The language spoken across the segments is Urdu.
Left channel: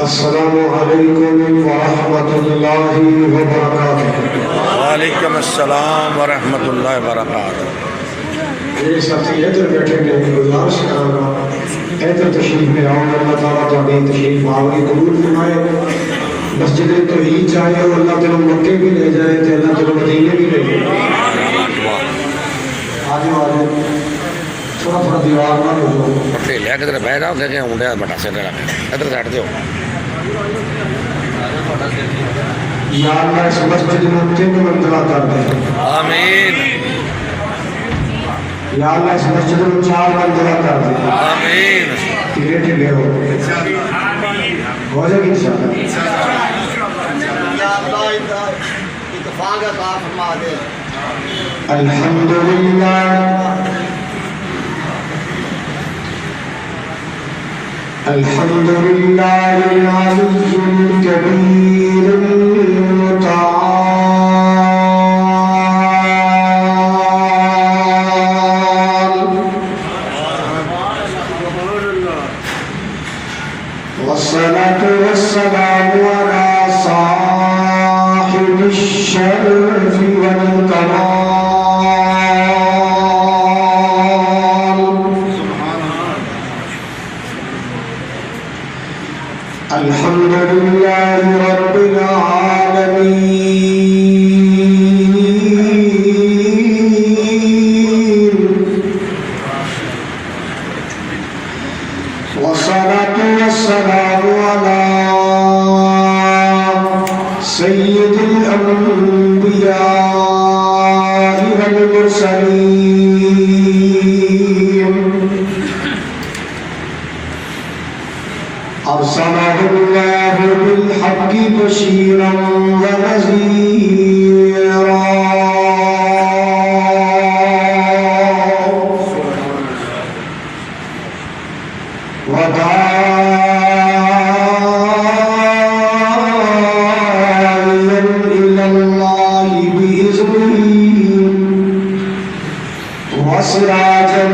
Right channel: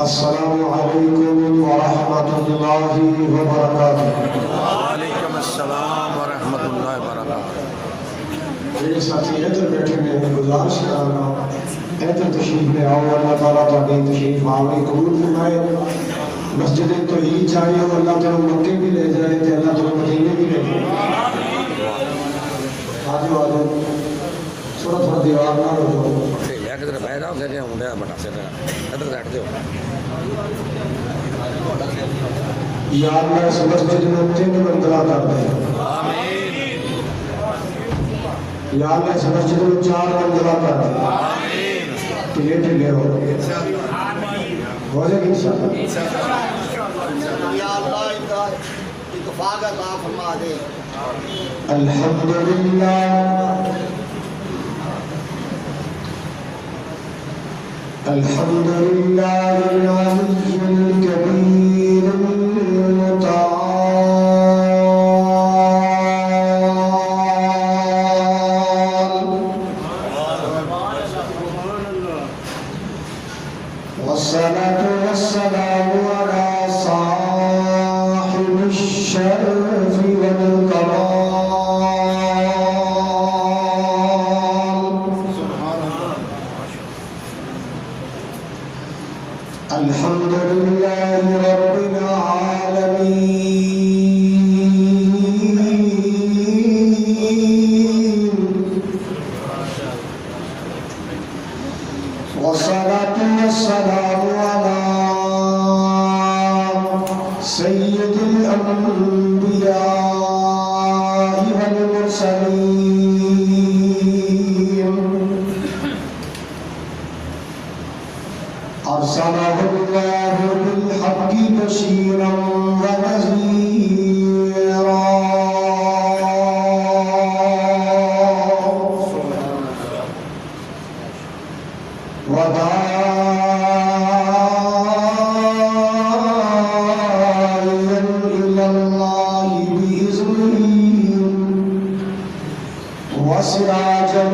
السلام علیکم ورحمۃ اللہ وبرکاتہ۔ وعلیکم السلام ورحمۃ اللہ وبرکاتہ۔ یہ ساتھی ادھر بیٹھے نے گزارش کرنا ادھر تشریف میں آؤ، اللہ تعالیٰ تمہیں تشریف آوری قبول فرمائے۔ مسجد توحید چاہے اور اللہ تعالیٰ مکے بھی لے جائے تو اللہ تعالیٰ مدینے بھی لے جائے۔ آجو آجو تھوڑا تھوڑا دیوار نہ ہو پٹھے لے کے بہ جاؤ کہ ہوں بٹا سے ادھر سائڈ دو۔ یا اللہ اس مسجد میں 3 منزلہ کر دے۔ آمین یا اللہ اس مسجد میں 4 منزلہ کر دے۔ آمین ٹھیلے ٹھیلے ہو جائے گی انشاءاللہ۔ یا اللہ اتفاق عطا فرما دے۔ الحمدللہ الحمدللہ العلی الکبیر المتعال والصلاة والسلام على صاحب الشرف والكمال الحمد لله رب العالمين والصلاة والسلام على سيد الأنبياء والمرسلين أرسله الله بالحق بشيرا ونذيرا وداعيا إلى الله بإذنه وسراجا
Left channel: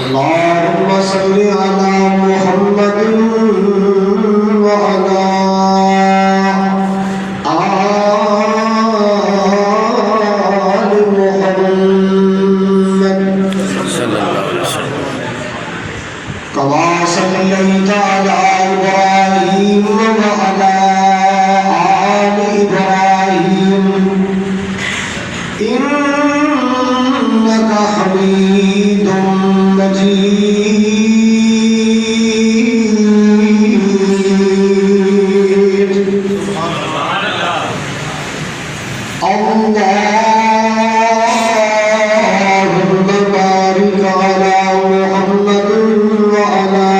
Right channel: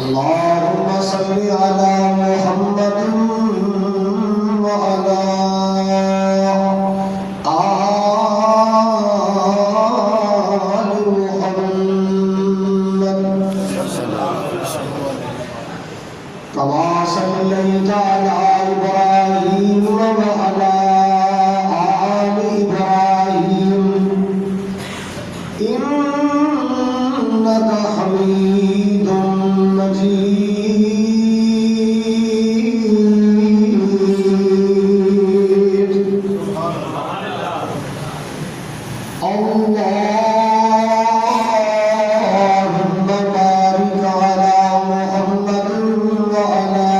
اللهم صل على محمد وعلى آل محمد كما صليت على إبراهيم وعلى آل إبراهيم إنك حميد مجيد اللهم بارك على محمد وعلى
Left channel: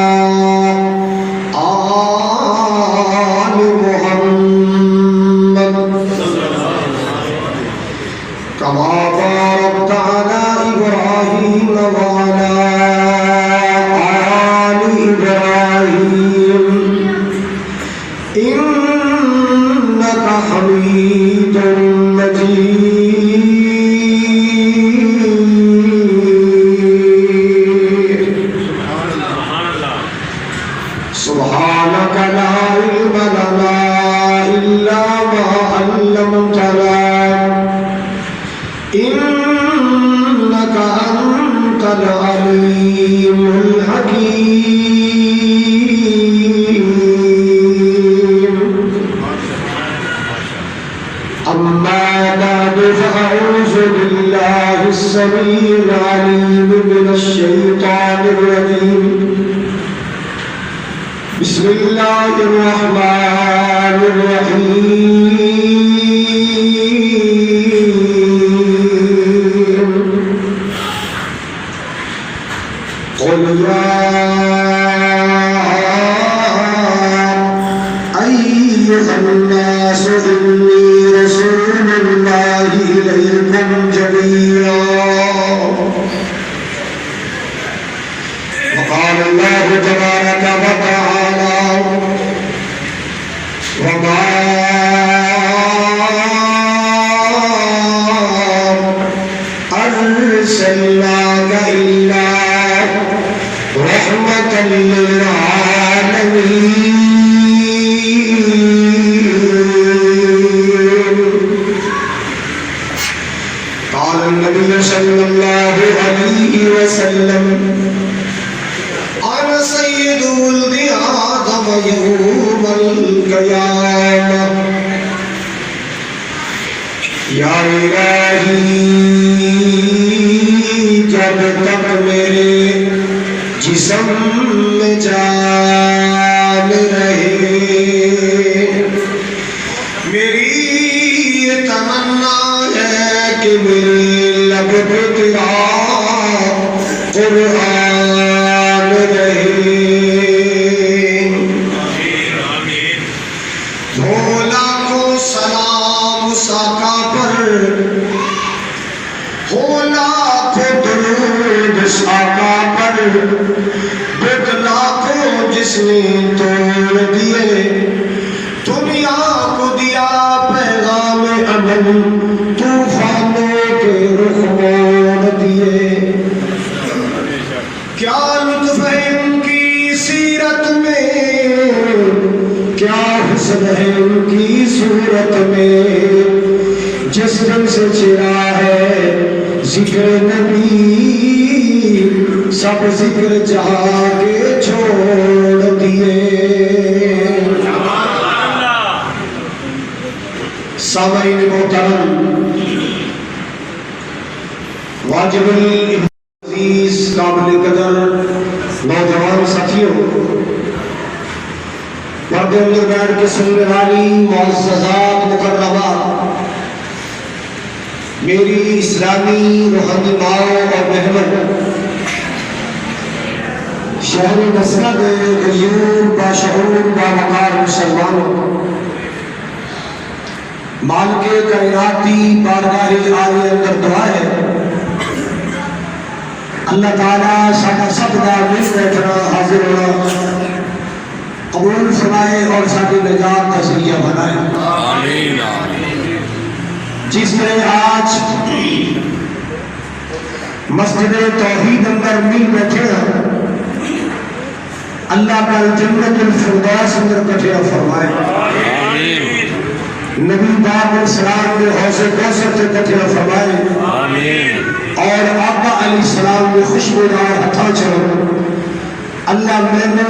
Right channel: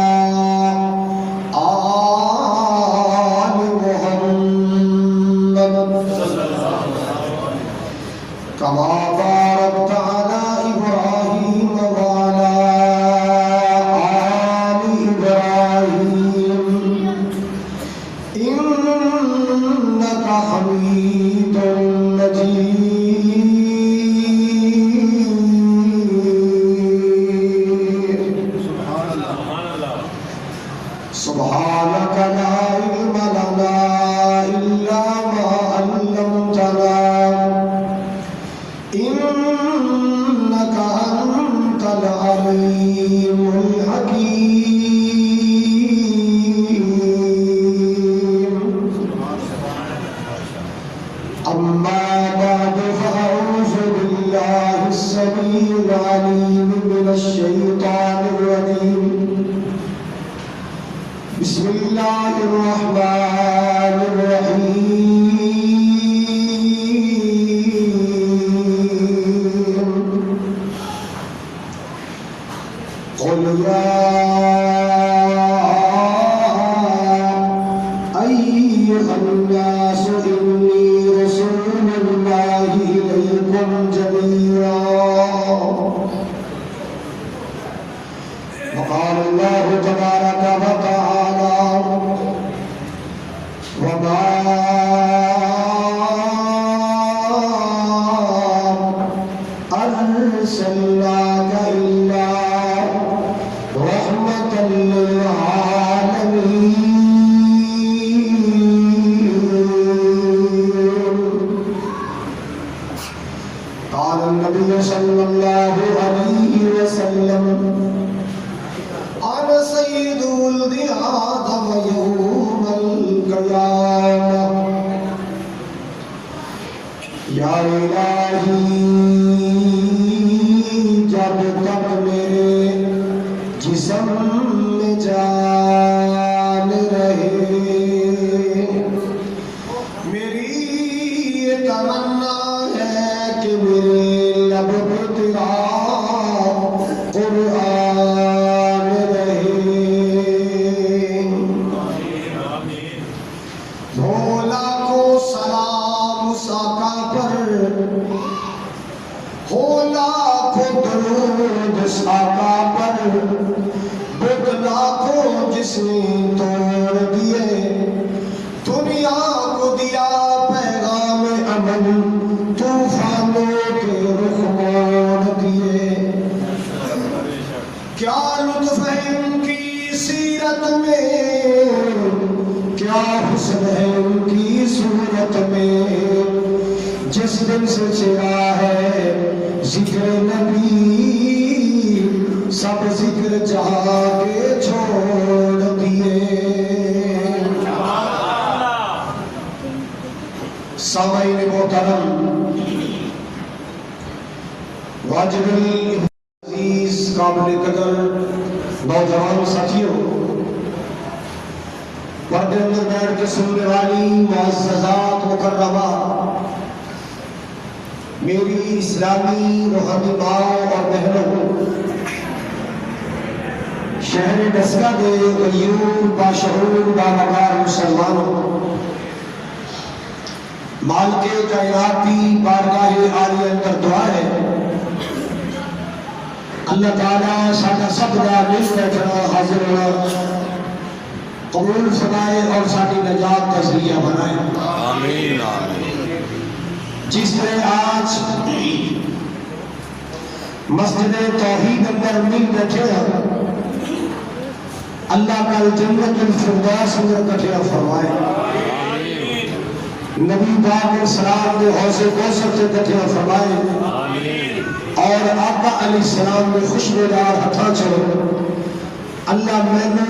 آل محمد كما باركت على إبراهيم وعلى آل إبراهيم إنك حميد مجيد سبحانك لا علم لنا إلا ما علمتنا إنك أنت العليم الحكيم أما بعد فأعوذ بالله السميع العليم من الشيطان الرجيم بسم الله الرحمن الرحيم قل يا أيها الناس إني رسول الله إليكم جميعا وقال الله تبارك وتعالى وما یا الہی جب تک میرے جسم میں جان رہے، میری یہ تمنا ہے کہ میرے لب پہ تیرا قرآن رہے۔ بھولا کو سلام ساقا پر، بھولا کو درود ساقا پر، بدلا کو جس نے توڑ دیے، دنیا کو دیا پیغام امن، طوفانوں کے رخ موڑ دیے۔ کیا لطف ہے ان کی سیرت میں، کیا حسن ہے ان کی صورت میں، جس دن سے چرا ہے ذکر نبی، سب ذکر جہاں کے چھوڑ دیے۔ سامعین محترم، واجب العزیز قابل قدر نوجوان ساتھیوں، پردے اندر بیٹھ کے سننے والی معززات مکرمات، میری اسلامی روحانی ماؤں اور بہنوں، شہر مسند غیور باشعور باوقار مسلمانوں، مالک کائناتی بارگاہ عالی اندر دعا ہے اللہ تعالیٰ ساڈا سب دا مل بیٹھنا حاضر ہونا قبول فرمائے اور ساری نجات کا ذریعہ بنائے۔ آمین۔ جس نے آج مسجد توحید اندر مل بیٹھے ہیں، اللہ کا جنت الفردوس اندر کٹھے فرمائے، نبی پاک علیہ السلام نے حوض کوثر سے کٹھے فرمائے، اور آقا علیہ السلام نے خوشبودار ہتھاں چھوڑ اللہ میں نے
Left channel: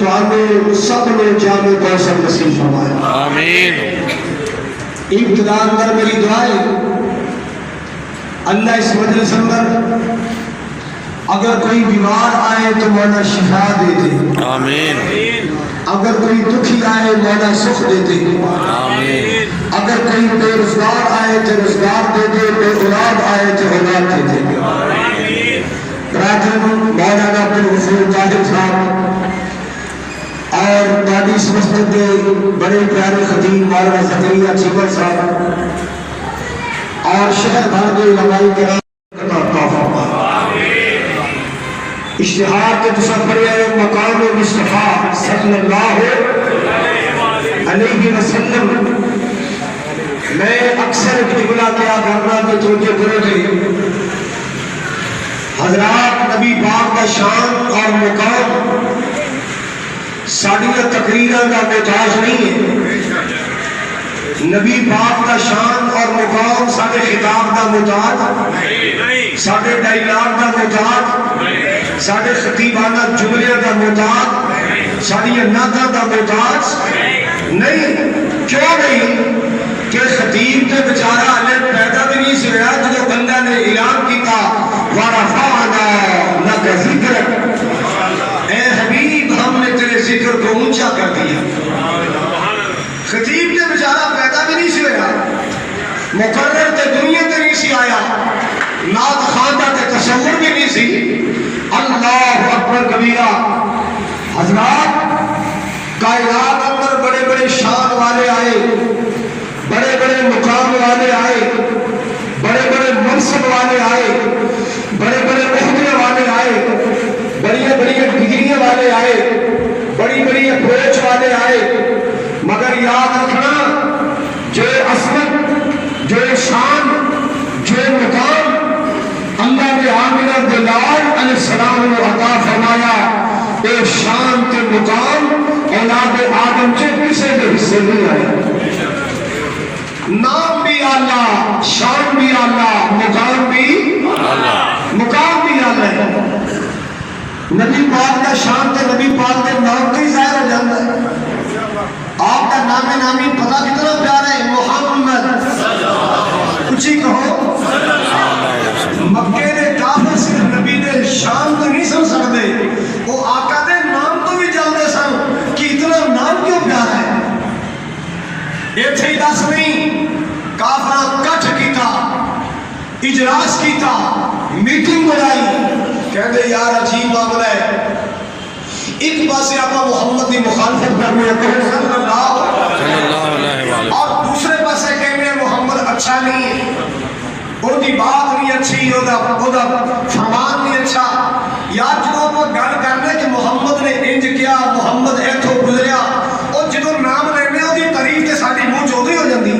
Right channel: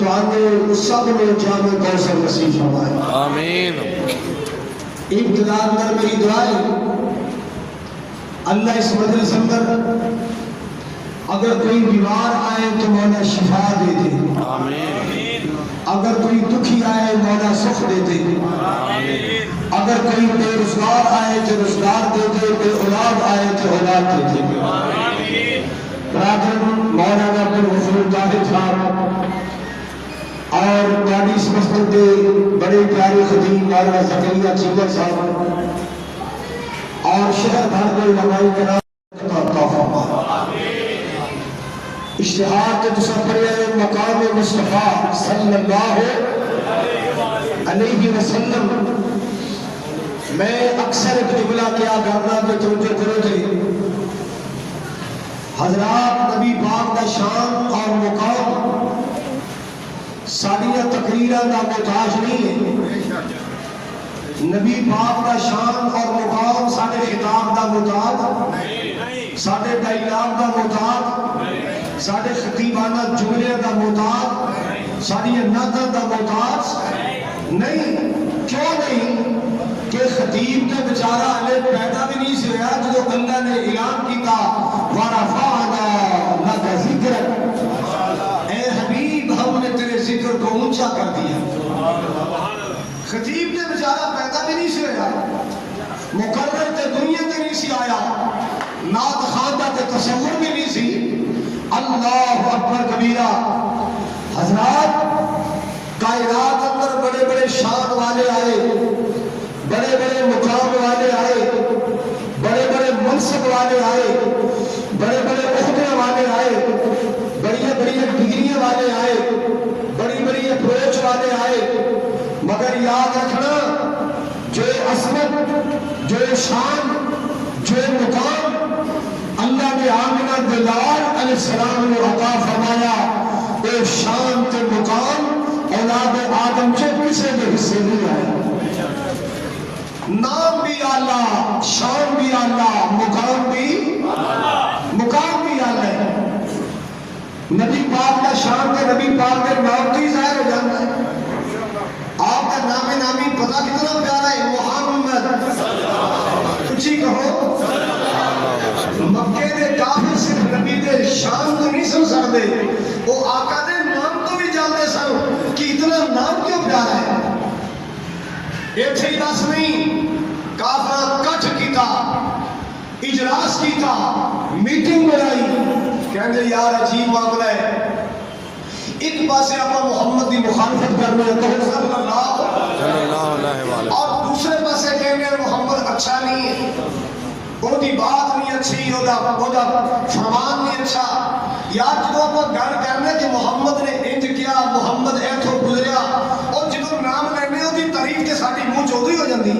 تو سب نے جامع کوثر نصیب فرمائے۔ آمین۔ ابتدا اندر میری دعائیں، اللہ اس مجلس اندر اگر کوئی بیمار آئے تو مولا شفا دے دے، آمین۔ اگر کوئی دکھی آئے مولا سکھ دے دے، آمین۔ اگر کوئی بے روزگار آئے تو روزگار دے دے، بے اولاد آئے تو اولاد دے دے۔ برادرن مولانا عبدالغفور طاہر صاحب اور دادی اس مسجد کے بڑے پیارے خطیب مولانا زکریا چیمر صاحب اور شہر بھر کے علماء کرام عطا فرمائے۔ اشتہار کے تصور مقام مصطفیٰ صلی اللہ علیہ وسلم، میں اکثر ایک جملہ کیا کرنا کہ توجہ کرو دے، حضرات نبی پاک کا شان اور مقام ساڑیاں تقریرہ کا محتاج نہیں ہے، نبی پاک کا شان اور مقام ساڑھے خطاب کا محتاج، ساڑھے ڈائلاگ کا محتاج، ساڑھے خطیبانہ جملے کا محتاج، ساڑھے نعتوں کا محتاج نہیں۔ کیوں نہیں؟ کہ خطیب کے بیچارہ علیہ پیدا بھی نہیں سے رہا جو اللہ نے اعلان کیتا وَرَفَعْنَا لَكَ ذِكْرَكَ، اے حبیب ہم نے تیرے ذکر کو اونچا کر دیا۔ خطیب کے بیچارہ پیدا بھی نہیں سے رہا، مقرر تے دنیا تے نہیں سی آیا، نعت خواندہ تے تصور بھی نہیں سی۔ اللہ اکبر کبیرہ۔ حضرات کائنات اندر بڑے بڑے شان والے آئے، بڑے بڑے مقام والے آئے، بڑے بڑے منصب والے آئے، بڑے بڑے عہدے والے آئے، بڑی بڑی ڈگریاں والے آئے، بڑی بڑی اپروچ والے آئے، مگر یاد رکھنا جو عظمت، جو شان، جو مقام اللہ نے آمنہ بلال علیہ السلام کو عطا فرمایا، اے شان کے مقام اولاد آدم سے کسی کے حصے نہیں آیا۔ نام بھی اللہ، شان بھی اللہ، مقام بھی اللہ ہے۔ نبی پاک کا شان تے نبی پاک کے نام کے ظاہر ہو جاتا ہے۔ آپ کا نام نامی پتہ کتنا پیارا ہے، محمد اچھی کہو مکے دے کافر صرف نبی دے شان تو نہیں سن سکتے وہ آقا دے نام تو بھی جانتے سن کہ اتنا نام کیوں پیارا ہے ایتھے ہی دس نہیں کافرہ کٹھ کیتا اجلاس کیتا میٹنگ بنائی کہتے یار عجیب معاملہ ہے ایک پاسے آپ محمد کی مخالفت کرنے صلی اللہ علیہ وسلم اور دوسرے پاسے کہنے محمد اچھا نہیں وہ دی بات نہیں اچھی وہ دا فرمان نہیں اچھا یار جدو آپ گل کرنے کہ محمد نے انج کیا محمد ایتھوں گزریا اور جدو نام لینے وہ دی تعریف تے ساڈی منہ چودھری ہو جاندی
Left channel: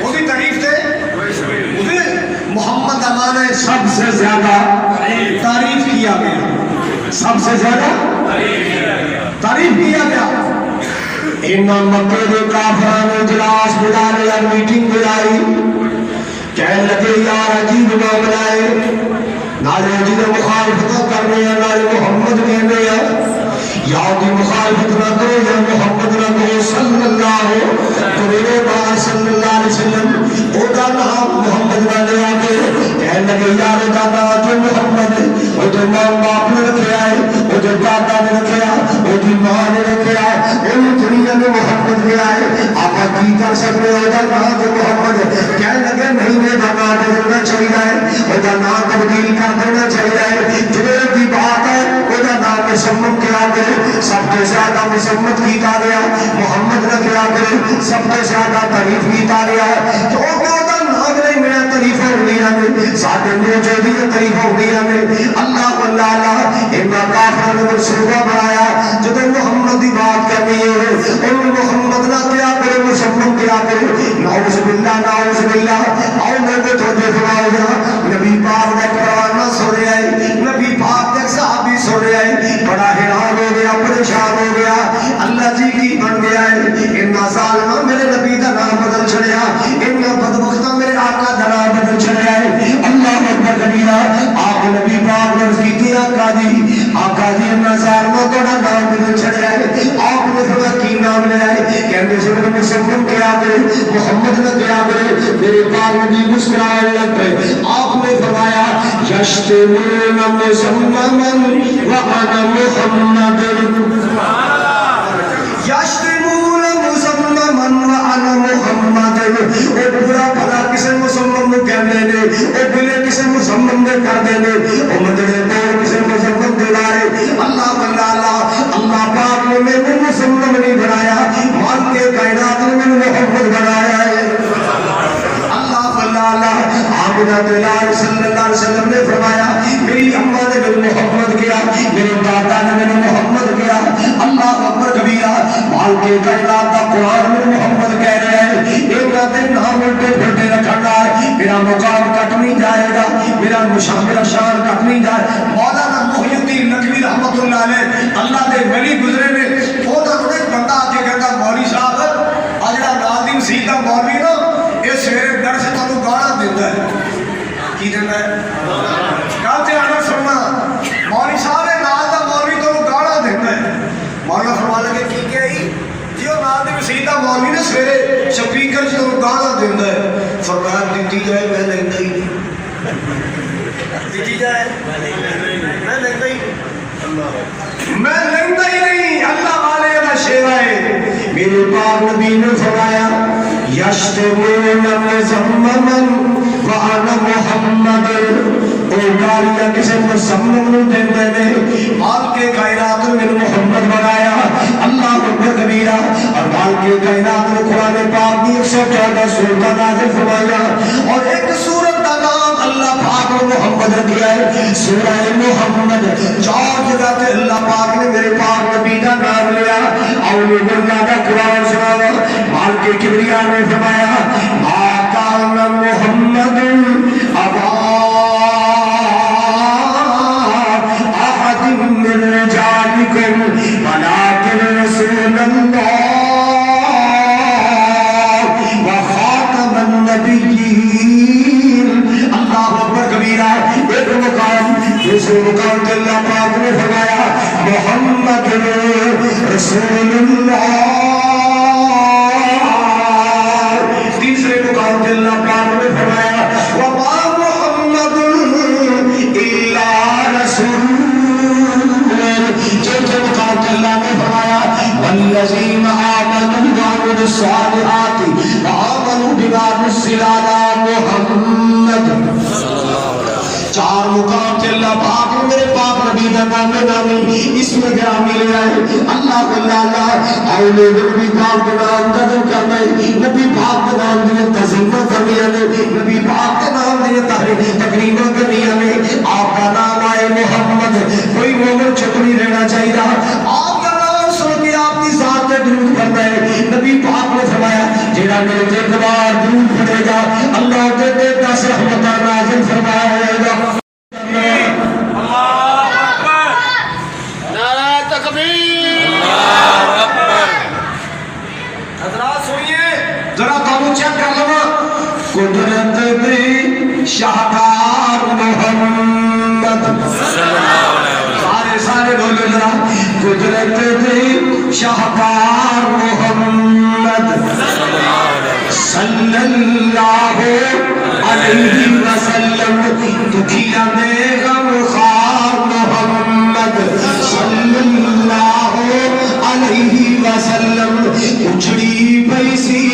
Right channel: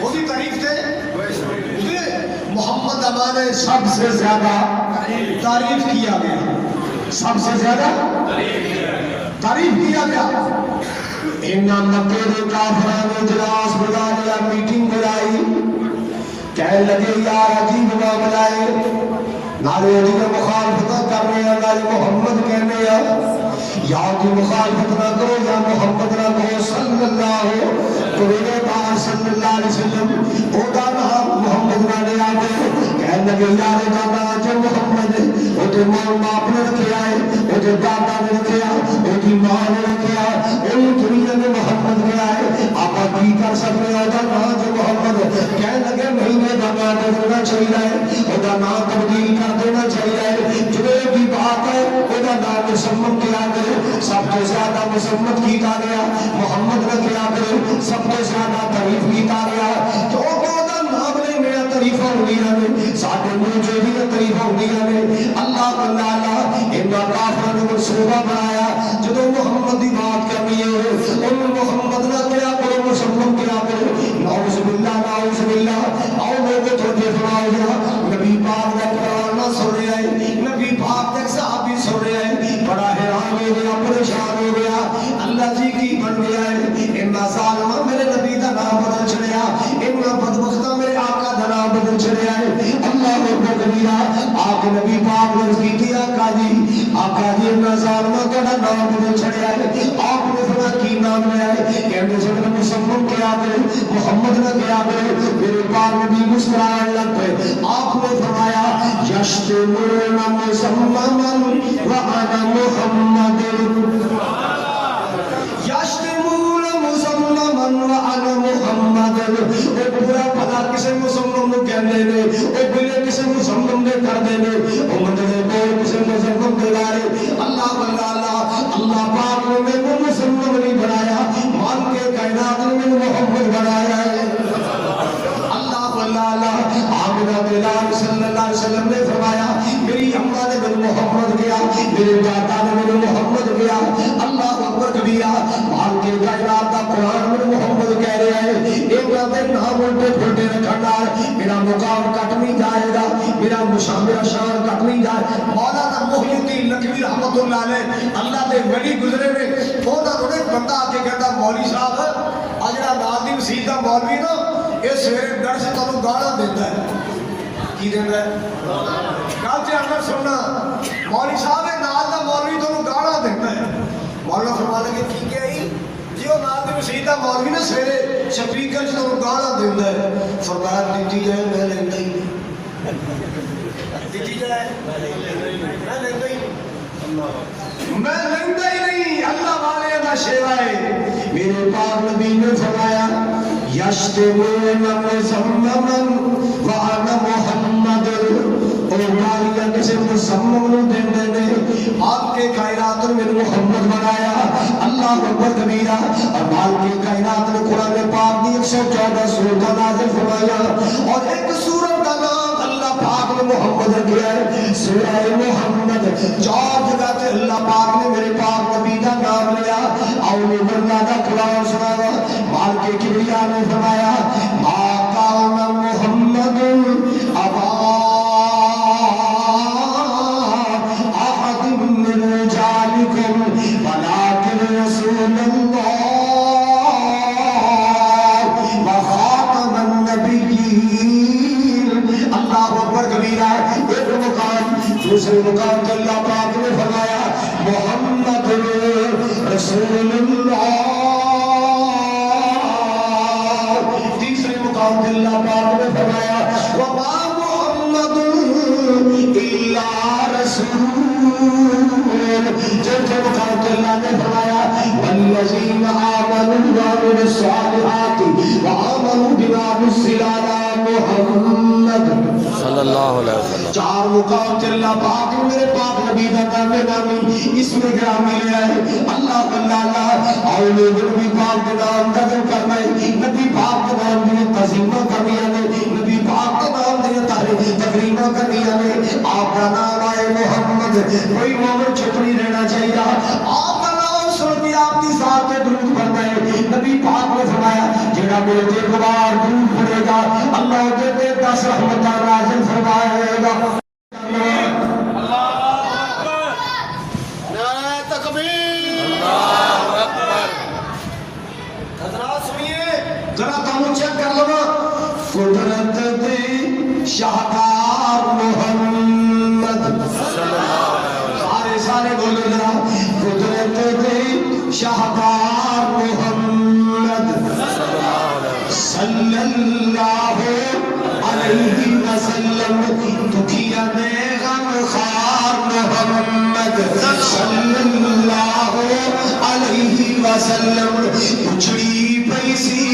وہ دی تعریف تے محمد کا معنی ہے سب سے زیادہ تعریف کیا گیا سب سے زیادہ تعریف کیا گیا انہاں مکے دے کافران اجلاس بلا لیا میٹنگ بلائی کہنے لگے یار عجیب معاملہ ہے نالے عجیب مخالفت کرنے یا نالے محمد کہنے یا یاد کی مخالفت نہ کرو یا محمد نہ کرو صلی اللہ علیہ وسلم او دا نام محمد نہ لیا کے کہنے لگے یار دا نام جو محمد ہے او جو ماں باپ نے رکھا ہے او جو دادا نے رکھا ہے او جو ماں نے رکھا ہے او دنیا میں محمد لیا ہے آقا کی کر سکتے او دا نام جو محمد ہے کہنے لگے نہیں میں دا نام بدلنا چاہیے ہے او دا نام تبدیل کر دینا چاہیے ہے جنہیں کی بات ہے او دا نام مسمت کیا گئے سب سے زیادہ مسمت کیتا گیا محمد نے کیا گئے سب سے زیادہ تعریف کیتا گیا کیونکہ او دا نام نہیں میرا تعریف ہو گیا میں ساتھ میں جو بھی تعریف ہو گیا میں اللہ اللہ انہا کافر نے منصوبہ بنایا جب محمد دی بات کرنی ہے انہوں محمد نہ کیا کرے مسمت کیا کرے نعوذ باللہ آؤ میں کو تھوڑے فرماؤ گا نبی پاک نے پروانہ سو رہا ہے نبی پاک نے صحابی سو رہا ہے بڑا حیران ہو گیا پریشان ہو گیا اللہ جی کی بن گیا ہے انہا ظالمہ میرے نبی دا نام بدل چھڑیا انہا بدبختہ میرے آقا دا نام بدل چھڑیا ہے اللہ اکبر کبیرہ آپ نبی پاک نے رفیقی آقا جی انہا ظالمہ دا نام بدل چھڑیا ہے آپ نے فرمایا کی نام لے آئے کہنے سے میں مسلم کیا کرے محمد نہ کیا کرے میرے پاک نبی مسکرائے لگ پہ آپ نے فرمایا یشتمون مسممن وَأَنَا محمد یشتمون مسممن وَأَنَا محمد اے برا بھلا کسے مسمم نے کہنے نے اے بلے کسے مسمم نے کر دینے او مدرے دور کسے مسمم دے لائے اللہ اللہ پاک نے میں مسمم نہیں بنایا مان کے کائنات نے محمد بنایا ہے اللہ آمینہ دلال صلی اللہ علیہ وسلم نے فرمایا میری اماں نے میں محمد کیا میرے دادا نے میں محمد کیا اللہ اکبر کبیرہ مال کے کائنات کا قرآن میں محمد کہہ رہے ہیں ایک رات نام میں بڑھتے رکھنا ہے میرا مقام کٹ نہیں جائے گا میرا شان کٹ نہیں جائے مولانا محی الدین نقوی رحمت اللہ علیہ اللہ دے ولی گزرے نے وہ نہ ایک بندہ آ کے کہتا مولوی صاحب اجڑا ناظم سیدھا مولوی نا یہ سویرے ڈر سے تمہیں گانا دیتا ہے کی دیتا ہے کہاں سے آنا سننا مولوی صاحب ہے نال دا مولوی تمہیں گانا دیتا ہے مولانا فرما لگے کی کیا ہی جی وہ نال دے سیدھا مولوی نا سویرے سپیکر سے تمہیں گانا دیتا ہے فرمایا دیتی جائے میں لگتا ہی نہیں دیتی جائے میں لگتا ہی نہیں اللہ والے کا شیرہ ہے میرے پاک نبی نے فرمایا یشتمون مسممن وَأَنَا محمد او گالیاں کسے مسمم دے دے مال کے کائنات میں محمد بنایا اللہ اکبر کبیرہ اور مال کے کائنات میں قرآن پاک کی 114 سورہ نازل فرمایا اور ایک سورہ کا نام اللہ پاک نے محمد رکھا ہے سورہ محمد 4 جگہ تے اللہ پاک نے میرے پاک نبی کا نام لیا اور میں اللہ کا قرآن سنایا مال کے کبریاء نے فرمایا ما کان محمد ابا احد من رجالکم ولکن رسول اللہ وخاتم النبیین اللہ اکبر کبیرہ ایک مقام دوسرے مقام تے اللہ پاک نے فرمایا نامی اسم گرامی لے آئے اللہ اللہ آئے لوگ نبی پاک کے نام قدم کرنے نبی پاک کے نام دنے تزمہ کرنی آنے نبی پاک کے نام دنے تقریبہ کرنی آنے آپ کا نام آئے محمد کوئی مومن چھپنی رہنا چاہیے آپ کا نام سن کے آپ کی ذات میں درود کرتا ہے نبی پاک نے فرمایا جیڑا میرے جنبار درود پڑے گا اللہ کے 10 رحمتہ نازل فرمائے گا قدرت دی شاہکار محمد سارے بولو ذرا قدرت دی شاہکار محمد صلی اللہ علیہ وسلم دکھیا دے غم خار محمد صلی اللہ علیہ وسلم اچھڑی پیسی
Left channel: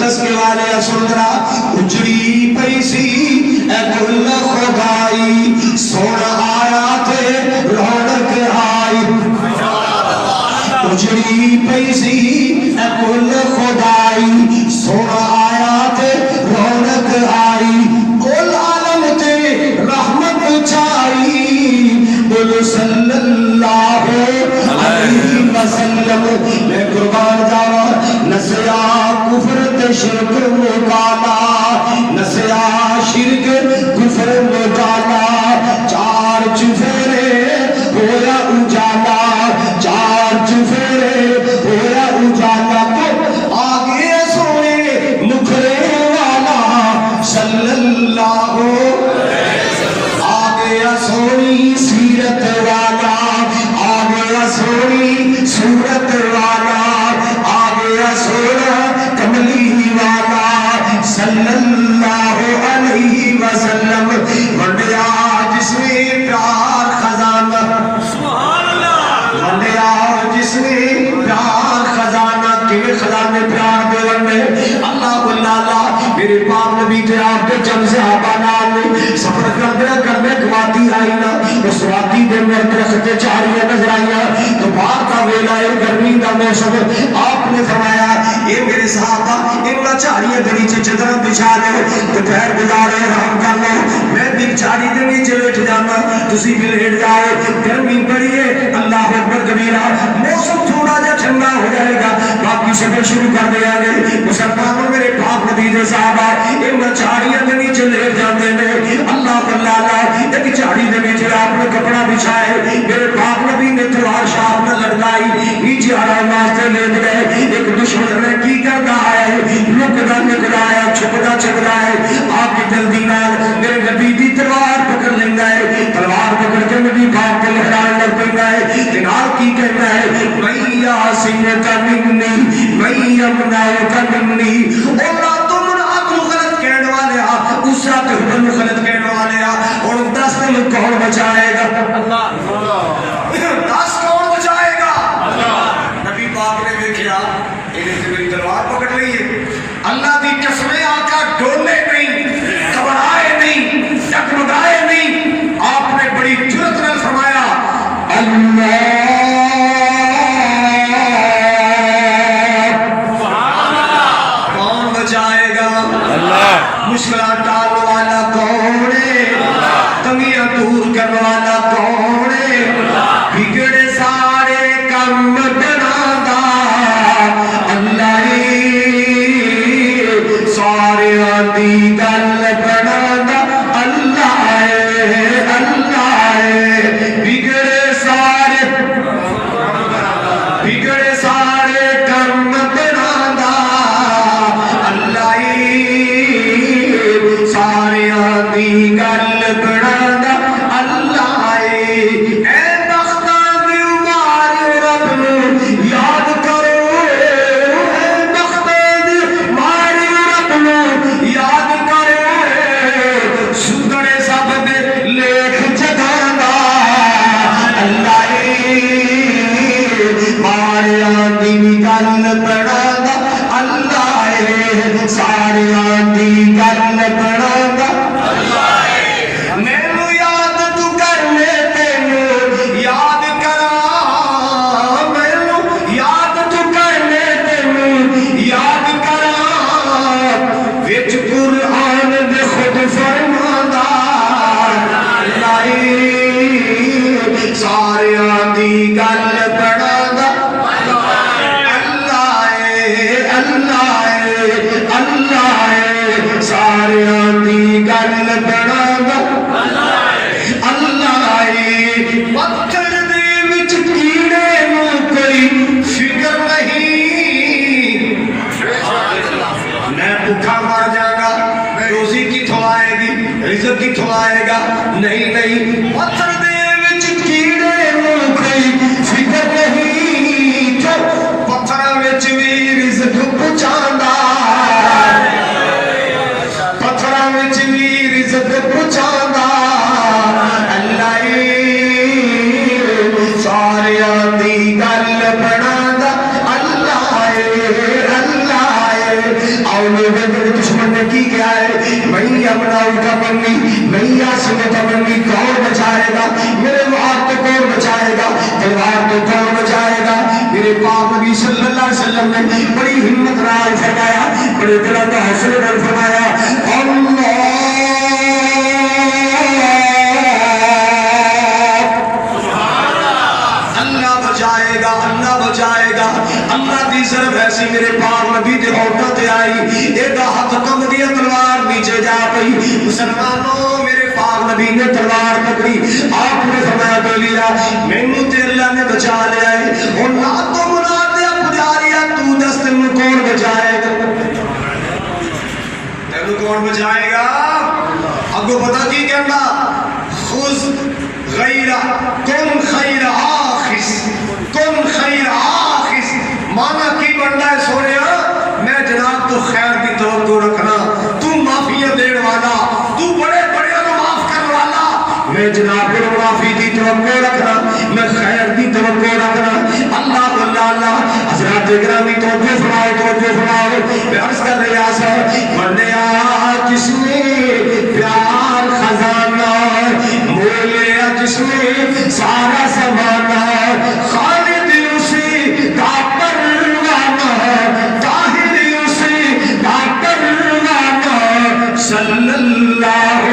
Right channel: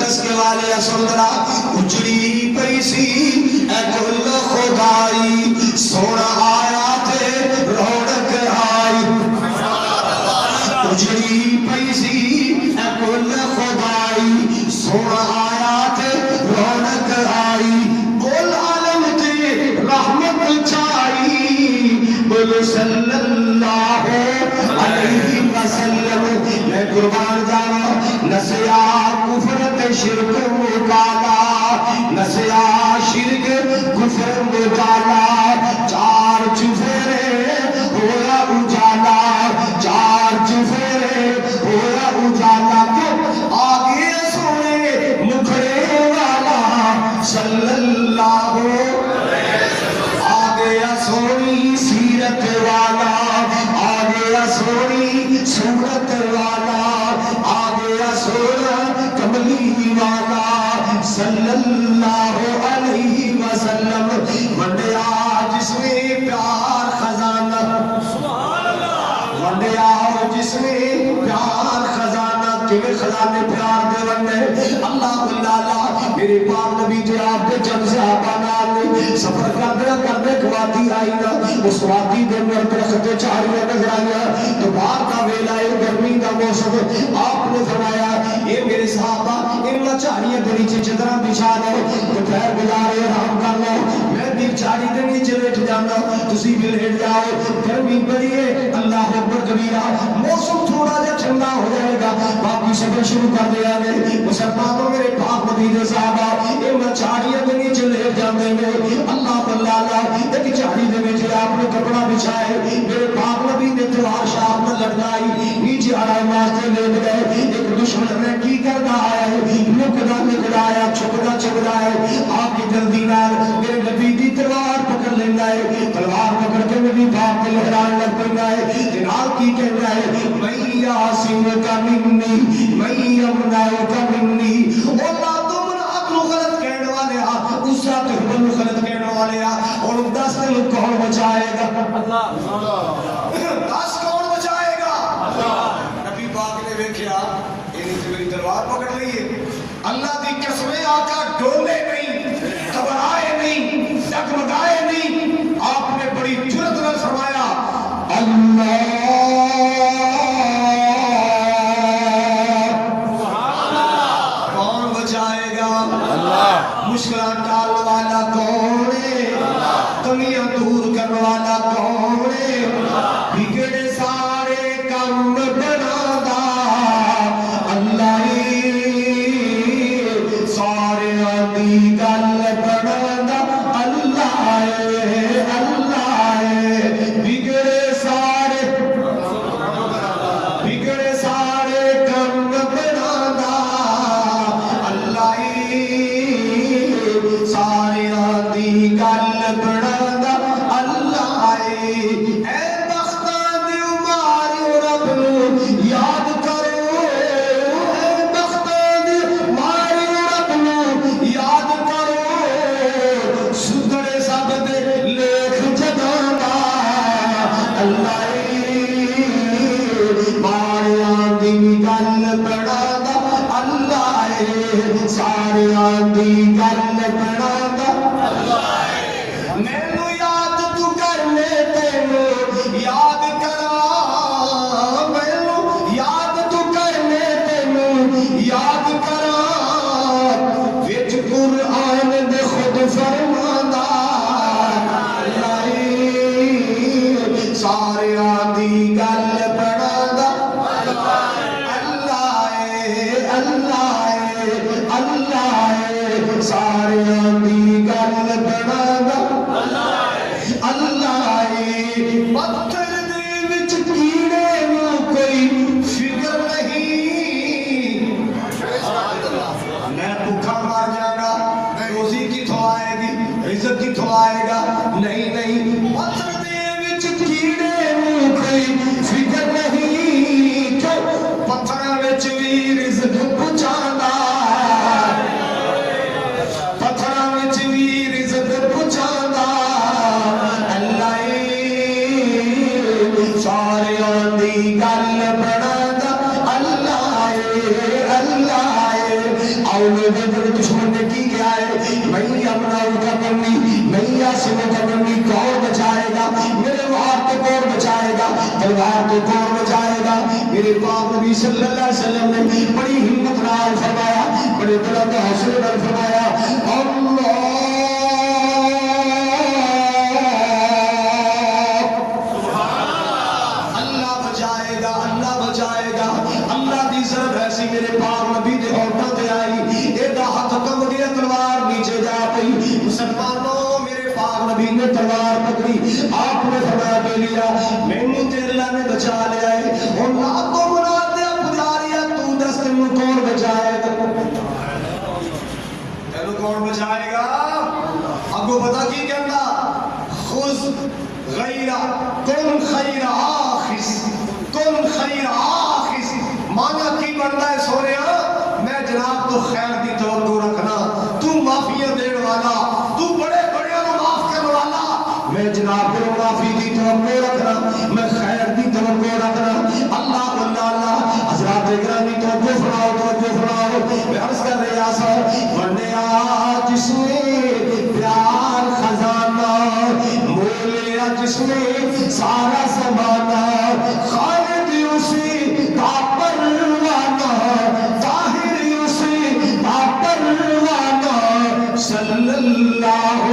تسکے والے اسندرا اچھڑی پیسی اے گل خدائی سونا آیا تھے رونق آئی اچھڑی پیسی اے گل خدائی سونا آیا تھے رونق آئی کل عالم تے رحمت چاہی بولو صلی اللہ علیہ وسلم میں قربان جاوا نسیا کفر شرک مکالا نسیا شرک کفر مکالا چار چفیرے ہویا اجالا چار چفیرے ہویا اجالا تو آگے سونے مکھرے والا صلی اللہ آگے سونی سیرت والا آگے سونی صورت والا آگے سونا کملی والا صلی اللہ علیہ وسلم ونڈیا جس میں پیار خزانہ ونڈیا جس میں پیار خزانہ کے خزانے پیار دے ونڈے اللہ اللہ میرے پاک نبی تے آپ کے چند سے آبانات نے سفر کردے کماتی آئی نا اس وادی دے میں درخت چاریاں نظر آئیاں تو باغ کا ویلا ہے گرمی کا موسم آپ نے فرمایا اے میرے صحابہ انہاں چاریاں دے نیچے چدریں بچھا لے دوپہر گزارے آرام کر لو میں بھی چاری دے نیچے لیٹ جانا تسی بھی لیٹ جاؤ گرمی بڑی ہے اللہ اکبر کبیرہ موسم تھوڑا جا ٹھنڈا ہو جائے گا باقی سفر شروع کر دیا گئے مسلمانوں میرے پاک نبی دے صحابہ انہاں چاریاں دے نیچے لیٹ جاندے نے اللہ اللہ ایک چاڑی دے نیچے آپ نے کپڑا بچھائے میرے پاک نبی نے تلوار شاہ میں لڑکائی نیچے آرام واسطے لیٹ گئے ایک دشمن نے کی کرنا ہے لکدا نکلایا چھپدا چھپدا ہے آپ کی جلدی نال میرے نبی دی تلوار پکڑ لینا ہے تلوار پکڑ کے نبی پاک کے لہرائے لگ پینا ہے جناب کی کہنا ہے میں آسین کا منی میں امنا کا منی اللہ تم نہ غلط کہنے والے اس رات حبل غلط کہنے والے اور 10 دن کون بچائے گا اللہ 10 کون بچائے گا اللہ نبی پاک نے دیکھا انہیں میری تلوار پکڑ لی ہے اللہ دی قسمیں آقا ڈولے نہیں گھبرائے نہیں ڈگمگائے نہیں آپ نے بڑی جرأت میں فرمایا اللہ کون بچائے گا اللہ مشکلات ڈالنے والا کون ہے تنگیاں دور کرنے والا کون ہے بگڑے سارے کم بناتا اللہ سارے آدھی گل بناتا اللہ بگڑے سارے کم بناتا اللہ جائے گا نہیں نہیں پتھر دے وچ کیڑے نوں کوئی فکر نہیں پتھر وچ وی رزق پہنچاندا پتھر وچ وی رزق پہنچاندا اللہ ساریاں دی گل بناندا اللہ اور دشمن نے کی کیا ہے میں اپنا کا بننی میں آسم کا بننی کون بچائے گا میرے وہاں کو کون بچائے گا تلوار کو کون بچائے گا میرے پاک نبی صلی اللہ علیہ وسلم نے بڑی ہمت نال فرمایا بڑے دل کا حوصلے نال فرمایا اللہ بچائے گا اللہ بچائے گا اللہ دی ضرب ایسی میرے پاک نبی دے ہوتا تے آئی ایڈا ہاتھ کم دیا تلوار نیچے جا پئی مسلمانوں میرے پاک نبی نے تلوار پکڑی آپ نے فرمایا بولیا مینوں تے اللہ نے بچا لیا ہے ہن رات کو بلا دیا پجاریا تو دس تینوں کون بچائے گا تینوں کون بچائے گا اگوں پتہ کی کہندا خذ غیر کن خیر آخذ کن خیر آخذ مانا کی بنتا ہے سونیا میں جناب تو خیر کی توقع رکھنا تو معافیاں دین والا تو بڑے بڑے کو معاف کرنے والا میں جناب کو معافی کی توقع رکھنا میں خیر کی توقع رکھنا اللہ اللہ حضرات گرامی توجہ فرماؤ میں عرض کر رہا سا بندیا جس نے پیار خزانہ مولیا جس میں سارا زمانہ خالد اسے داپر وانا طاہر اسے داپر وانا صلی اللہ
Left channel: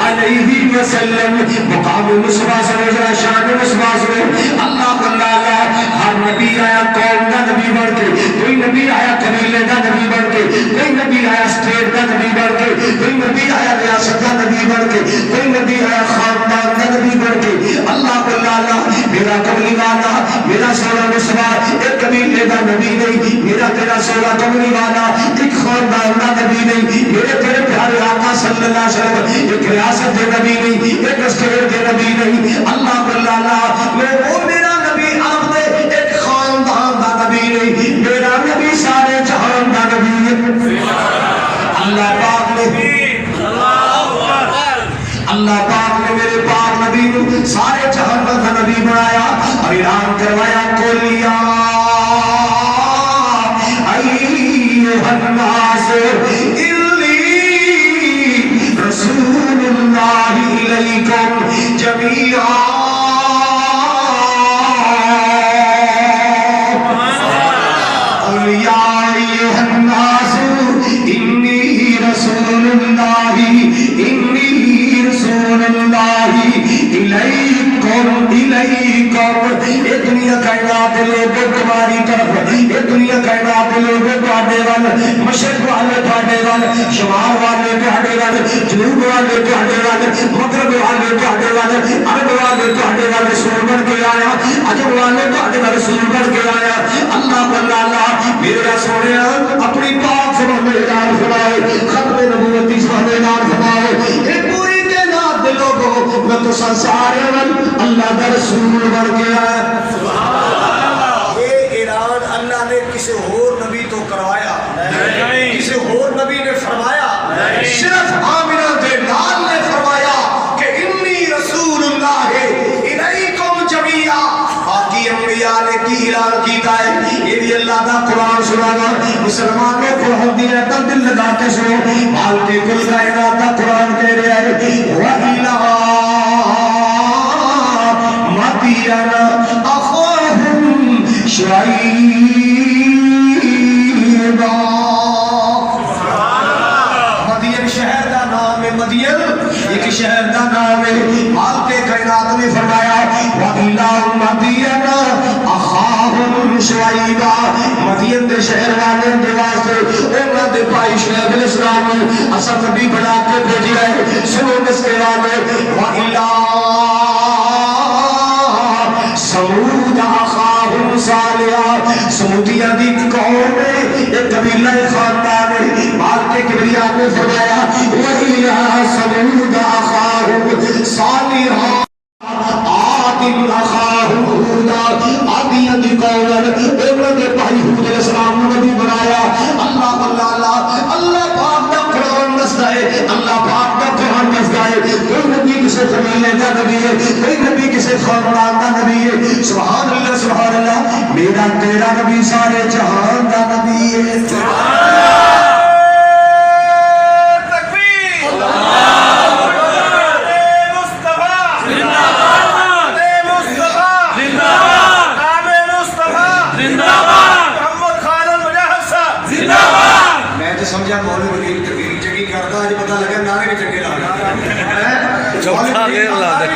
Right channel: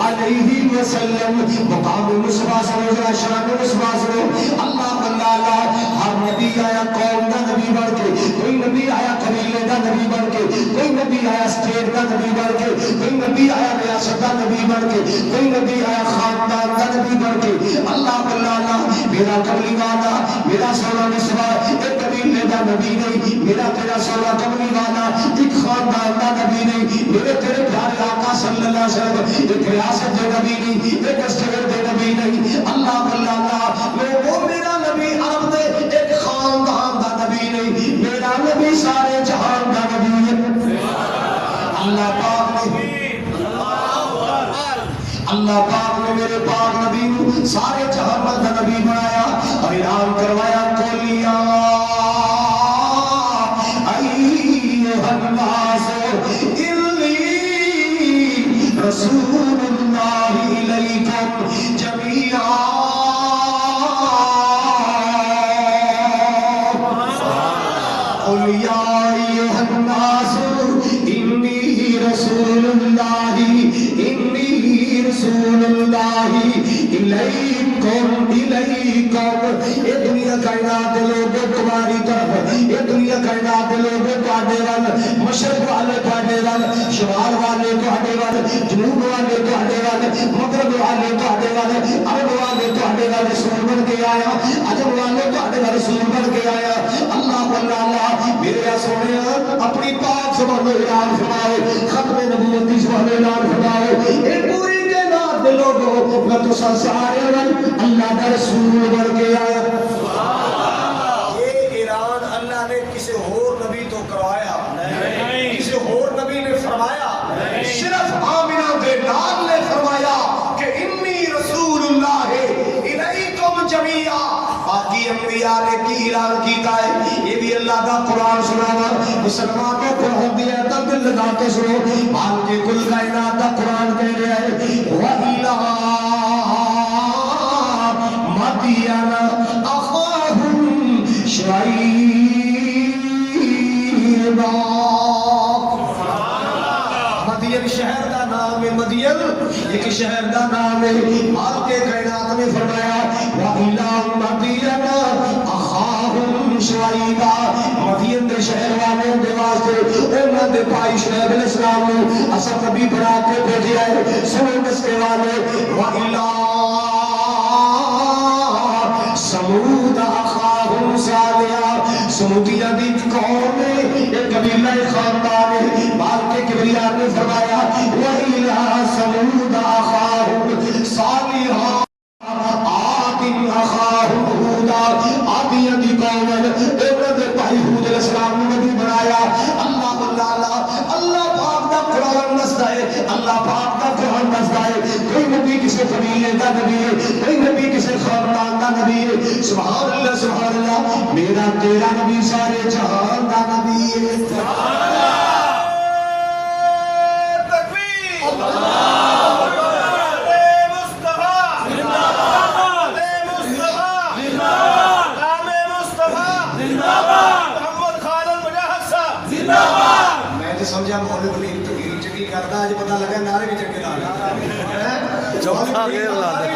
علیہ وسلم مقام مصطفیٰ صلی اللہ علیہ شان مصطفیٰ صلی اللہ اللہ ہر نبی آیا قوم دا نبی بڑھ کے کوئی نبی آیا قبیلے دا نبی بڑھ کے کوئی نبی آیا اسٹیٹ دا نبی بڑھ کے کوئی نبی آیا ریاست دا نبی بڑھ کے کوئی نبی آیا خاندان دا نبی بڑھ کے اللہ اللہ میرا قبلی والا میرا سونا مصطفیٰ ایک قبیلے دا نبی نہیں میرا تیرا سونا قبلی والا ایک خاندان دا نبی نہیں میرے تیرے پیارے آقا صلی اللہ علیہ وسلم ایک ریاست دے نبی نہیں ایک اسٹیٹ دے نبی نہیں اللہ اللہ میں وہ میرا نبی عرب دے ایک خاندان دا نبی نہیں میرا نبی سارے جہان دا نبی ہے اللہ پاک نے اللہ پاک نے میرے پاک نبی کو سارے جہان کا نبی بنایا اور اعلان کروایا کولیا ایھا الناس انی رسول اللہ الیکم جمیعا مشرق والے تھوڑے والے شمال والے تھوڑے والے جنوب والے تھوڑے والے مغرب والے تھوڑے والے عرب والے تھوڑے والے سور بن کے آیا عجب والے تھوڑے والے سور بن کے آیا اللہ اللہ میرا سونے اپنی پاک زبان میں اعلان فرماؤ ختم نبوت کی زبان میں اعلان فرماؤ ایک پوری کائنات دے لوگوں میں تو سارے اللہ کا رسول بن کے آیا یہ اعلان اللہ نے کسی اور نبی تو کروایا کسی اور نبی نے فرمایا صرف آمنہ دے لال نے فرمایا کہ انی رسول اللہ الیکم جمیعا باقی انبیاء نے کی اعلان کیتا ہے یہ بھی اللہ دا قرآن سنانا مسلمان نے قرآن دیا تا دل لگا کے سنو مال کے کل کائنات دا قرآن کہہ رہا ہے وَإِلَىٰ مَدْيَنَ أَخَاهُمْ شُعَيْبًا مدین شہر دا نام ہے مدین ایک شہر دا نام ہے مالک کائنات نے فرمایا وَإِلَىٰ مَدْيَنَ أَخَاهُمْ شُعَيْبًا مدین دے شہر والے دے واسطے انہاں دے بھائی شعیب علیہ السلام اساں نبی بنا کے بھیجیا ہے سنو اس کے والے وَإِلَىٰ سمود أَخَاهُمْ صَالِحًا سمودیاں دی قوم ہے ایک قبیلہ خاندان ہے مال کے کبریات نے فرمایا وَإِلَىٰ سمود نبی سارے جہان دا نبی ہے میں تو سمجھا مولوی منیر تقریر چنگی کرتا ہے پتہ لگا نعرے بھی چنگے لا چوکھا غیر لا دے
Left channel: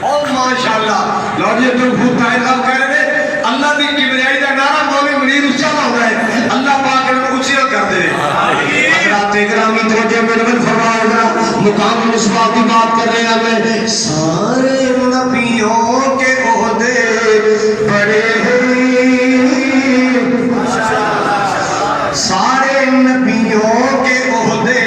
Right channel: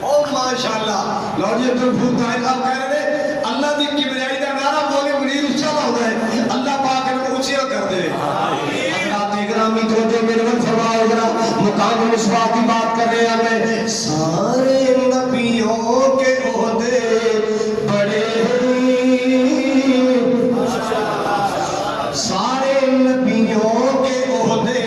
اور ماشاءاللہ لوجے تو بھوک کا اعلان کر رہے ہیں اللہ کی کبریائی کا نعرہ مولوی منیر اونچا ہو رہا ہے اللہ پاک نے اونچی کر دے حضرات اکرامی توجہ منور فرمائے گا مقام مصباح کی بات کر رہے ہیں میں سارے نبیوں کے عہدے بڑے سارے نبیوں کے عہدے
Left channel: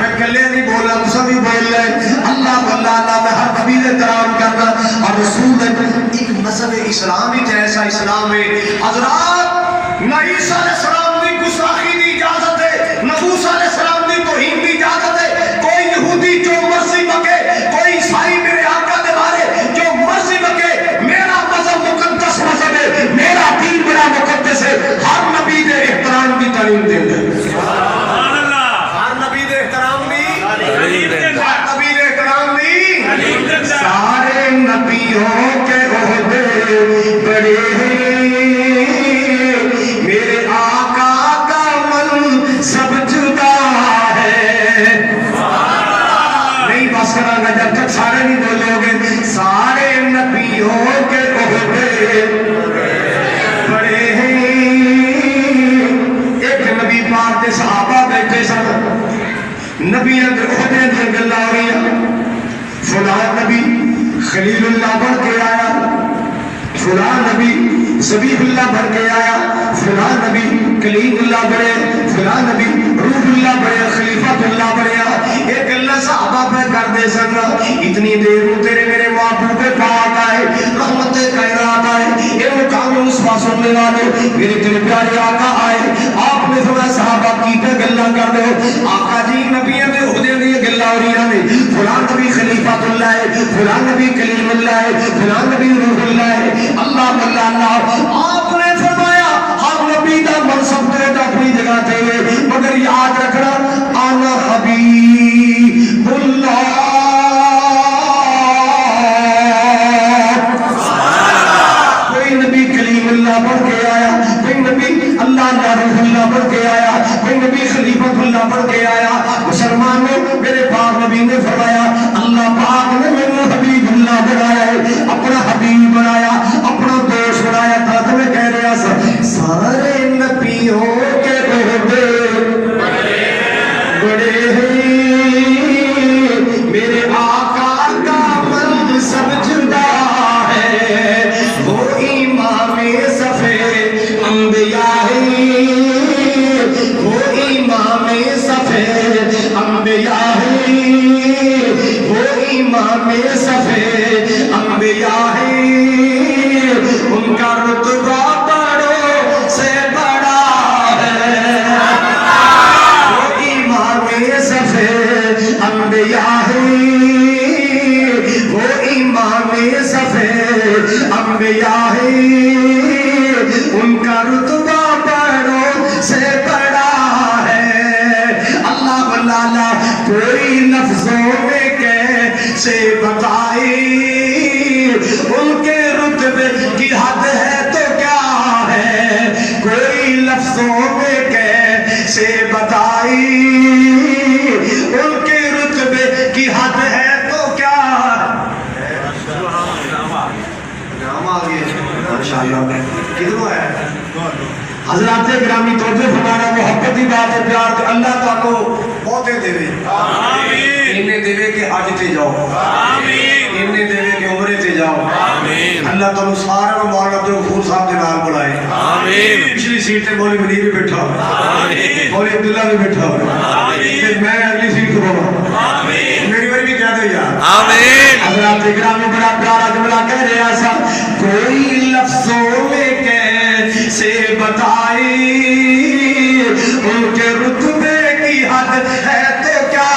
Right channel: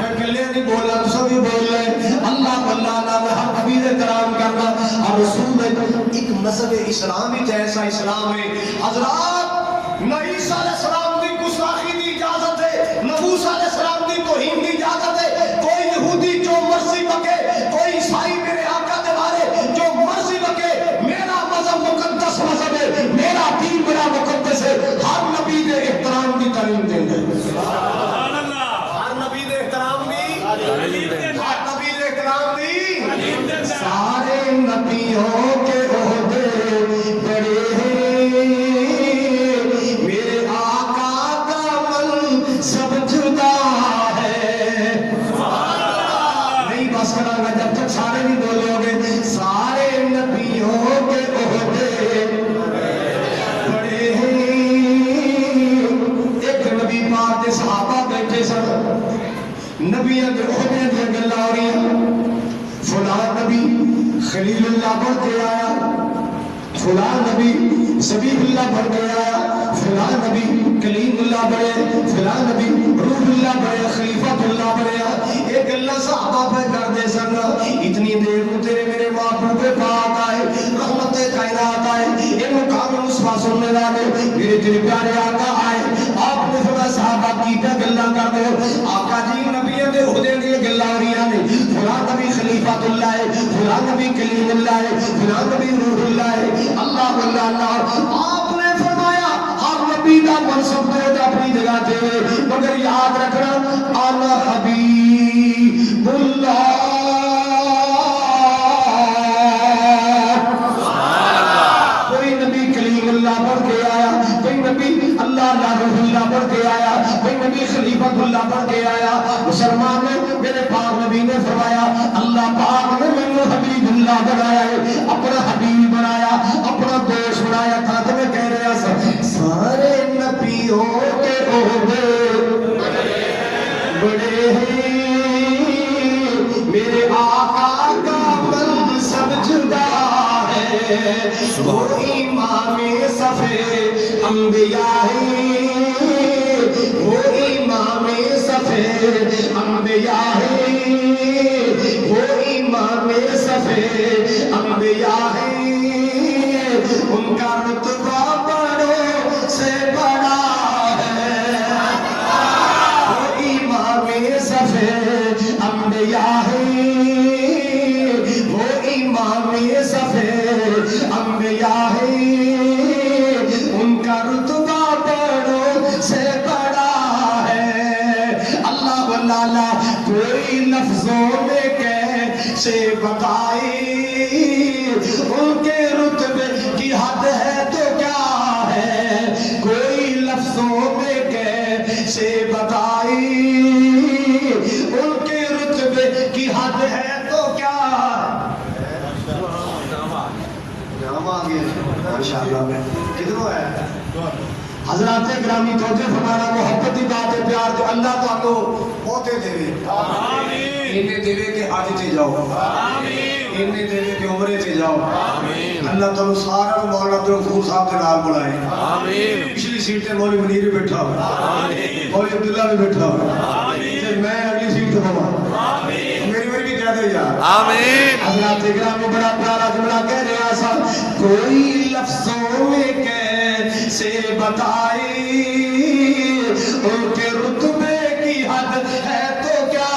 میں گلے نہیں بولا تو سبھی بول رہے اللہ اللہ میں ہر نبی نے احترام کرنا اور رسول ایک مذہب اسلام ہی جیسا اسلام ہے حضرات نہ عیسیٰ علیہ السلام کی گستاخی کی اجازت ہے نہ موسیٰ علیہ السلام کی توہین کی اجازت ہے کوئی یہودی جو مرضی بکے کوئی عیسائی میرے آقا کے بارے جو مرضی بکے میرا مذہب مقدس مذہب ہے میرا دین بڑا مقدس ہے ہر نبی دے احترام کی تعلیم دیں گے ہر نبی دے احترام بھی سارے نبیوں کے عہدے بڑے میرے آقا کا من سب جدا ہے نہیں بس کرا گا جب تک سارے نہیں بولے ہوگے سارے نبیوں کے عہدے بڑے ایک نبی پاک کے صحابہ بیٹھے سن نبی عہدے دے گلا ہو رہی ہیں فلاں نبی خلیل اللہ بن کے آیا فلاں نبی ذبیح اللہ بن کے آیا فلاں نبی کلیم اللہ بنے فلاں نبی روح اللہ بنے خلیفۃ اللہ بنے ایک اللہ صحابہ پہ کر دے سکا اتنی دیر میں تیرے میرے محبوب پاک آئے رحمت کائنات آئے یہ مقام مصباح سننے والے میرے تیرے پیارے آقا آئے آپ نے فرمایا صحابہ کی پہ گلا کر دو آقا جی نبیوں کے عہدے دی گلا ہو رہی ہیں فلاں نبی خلیفۃ اللہ ہے فلاں نبی کلیم اللہ ہے فلاں نبی روح اللہ ہے اللہ اللہ آپ نے فرمایا ہر نبی کا منصب تو اپنی جگہ تھے مگر یاد رکھنا انا حبیب اللہ کوئی نبی کلیم اللہ بن کے آیا کوئی نبی اللہ یا روح اللہ بن کے آیا کوئی نبی خلیفۃ اللہ بن کے آیا مسلمانوں میرے پاک نبی نے فرمایا اللہ پاک نے میرے حبیب اللہ بنایا ہے اپنا حبیب بنایا اپنا دوست بنایا تھا تو میں کہہ رہا سارے نبیوں کے عہدے بڑے میرے آقا کا من سب جدا ہے وہ امام صفے انبیاء ہے وہ امام صفے انبیاء ہے وہ امام صفے انبیاء ہے ان کا رتبہ بڑوں سے بڑا ہے وہ امام صفے انبیاء ہے وہ امام صفے انبیاء ہے ان کا رتبہ بڑوں سے بڑا ہے اللہ اللہ کوئی لفظوں میں کیسے بتائے ان کے رتبے کی حد ہے تو کیا ہے کوئی لفظوں میں کیسے بتائے ان کے رتبے کی حد ہے تو کیا نام آگے ماشاءاللہ کدھروں ہے حضرات گرامی توجہ فرمانا محبت کی بات ہے پیار تو اللہ تعالیٰ بہتے دے انہیں دے کہ حج تے جاؤ انہیں دے کہ عمرے تے جاؤ اللہ تعالیٰ سارا مولانا عبد الغفور صاحب دے نال بنائے پچھلی سیٹ تے مولوی منیر بھی بیٹھا ہوئے مولوی عبداللہ بھی بیٹھا ہوئے پھر میں اگلی سیٹ تے بولا میری باری بھی کہہ دے یار حضرات گرامی بڑا پیارا جملہ کہہ رہے ایسا کوئی لفظوں میں کیسے بتائے ان کے رتبے کی حد ہے تو کیا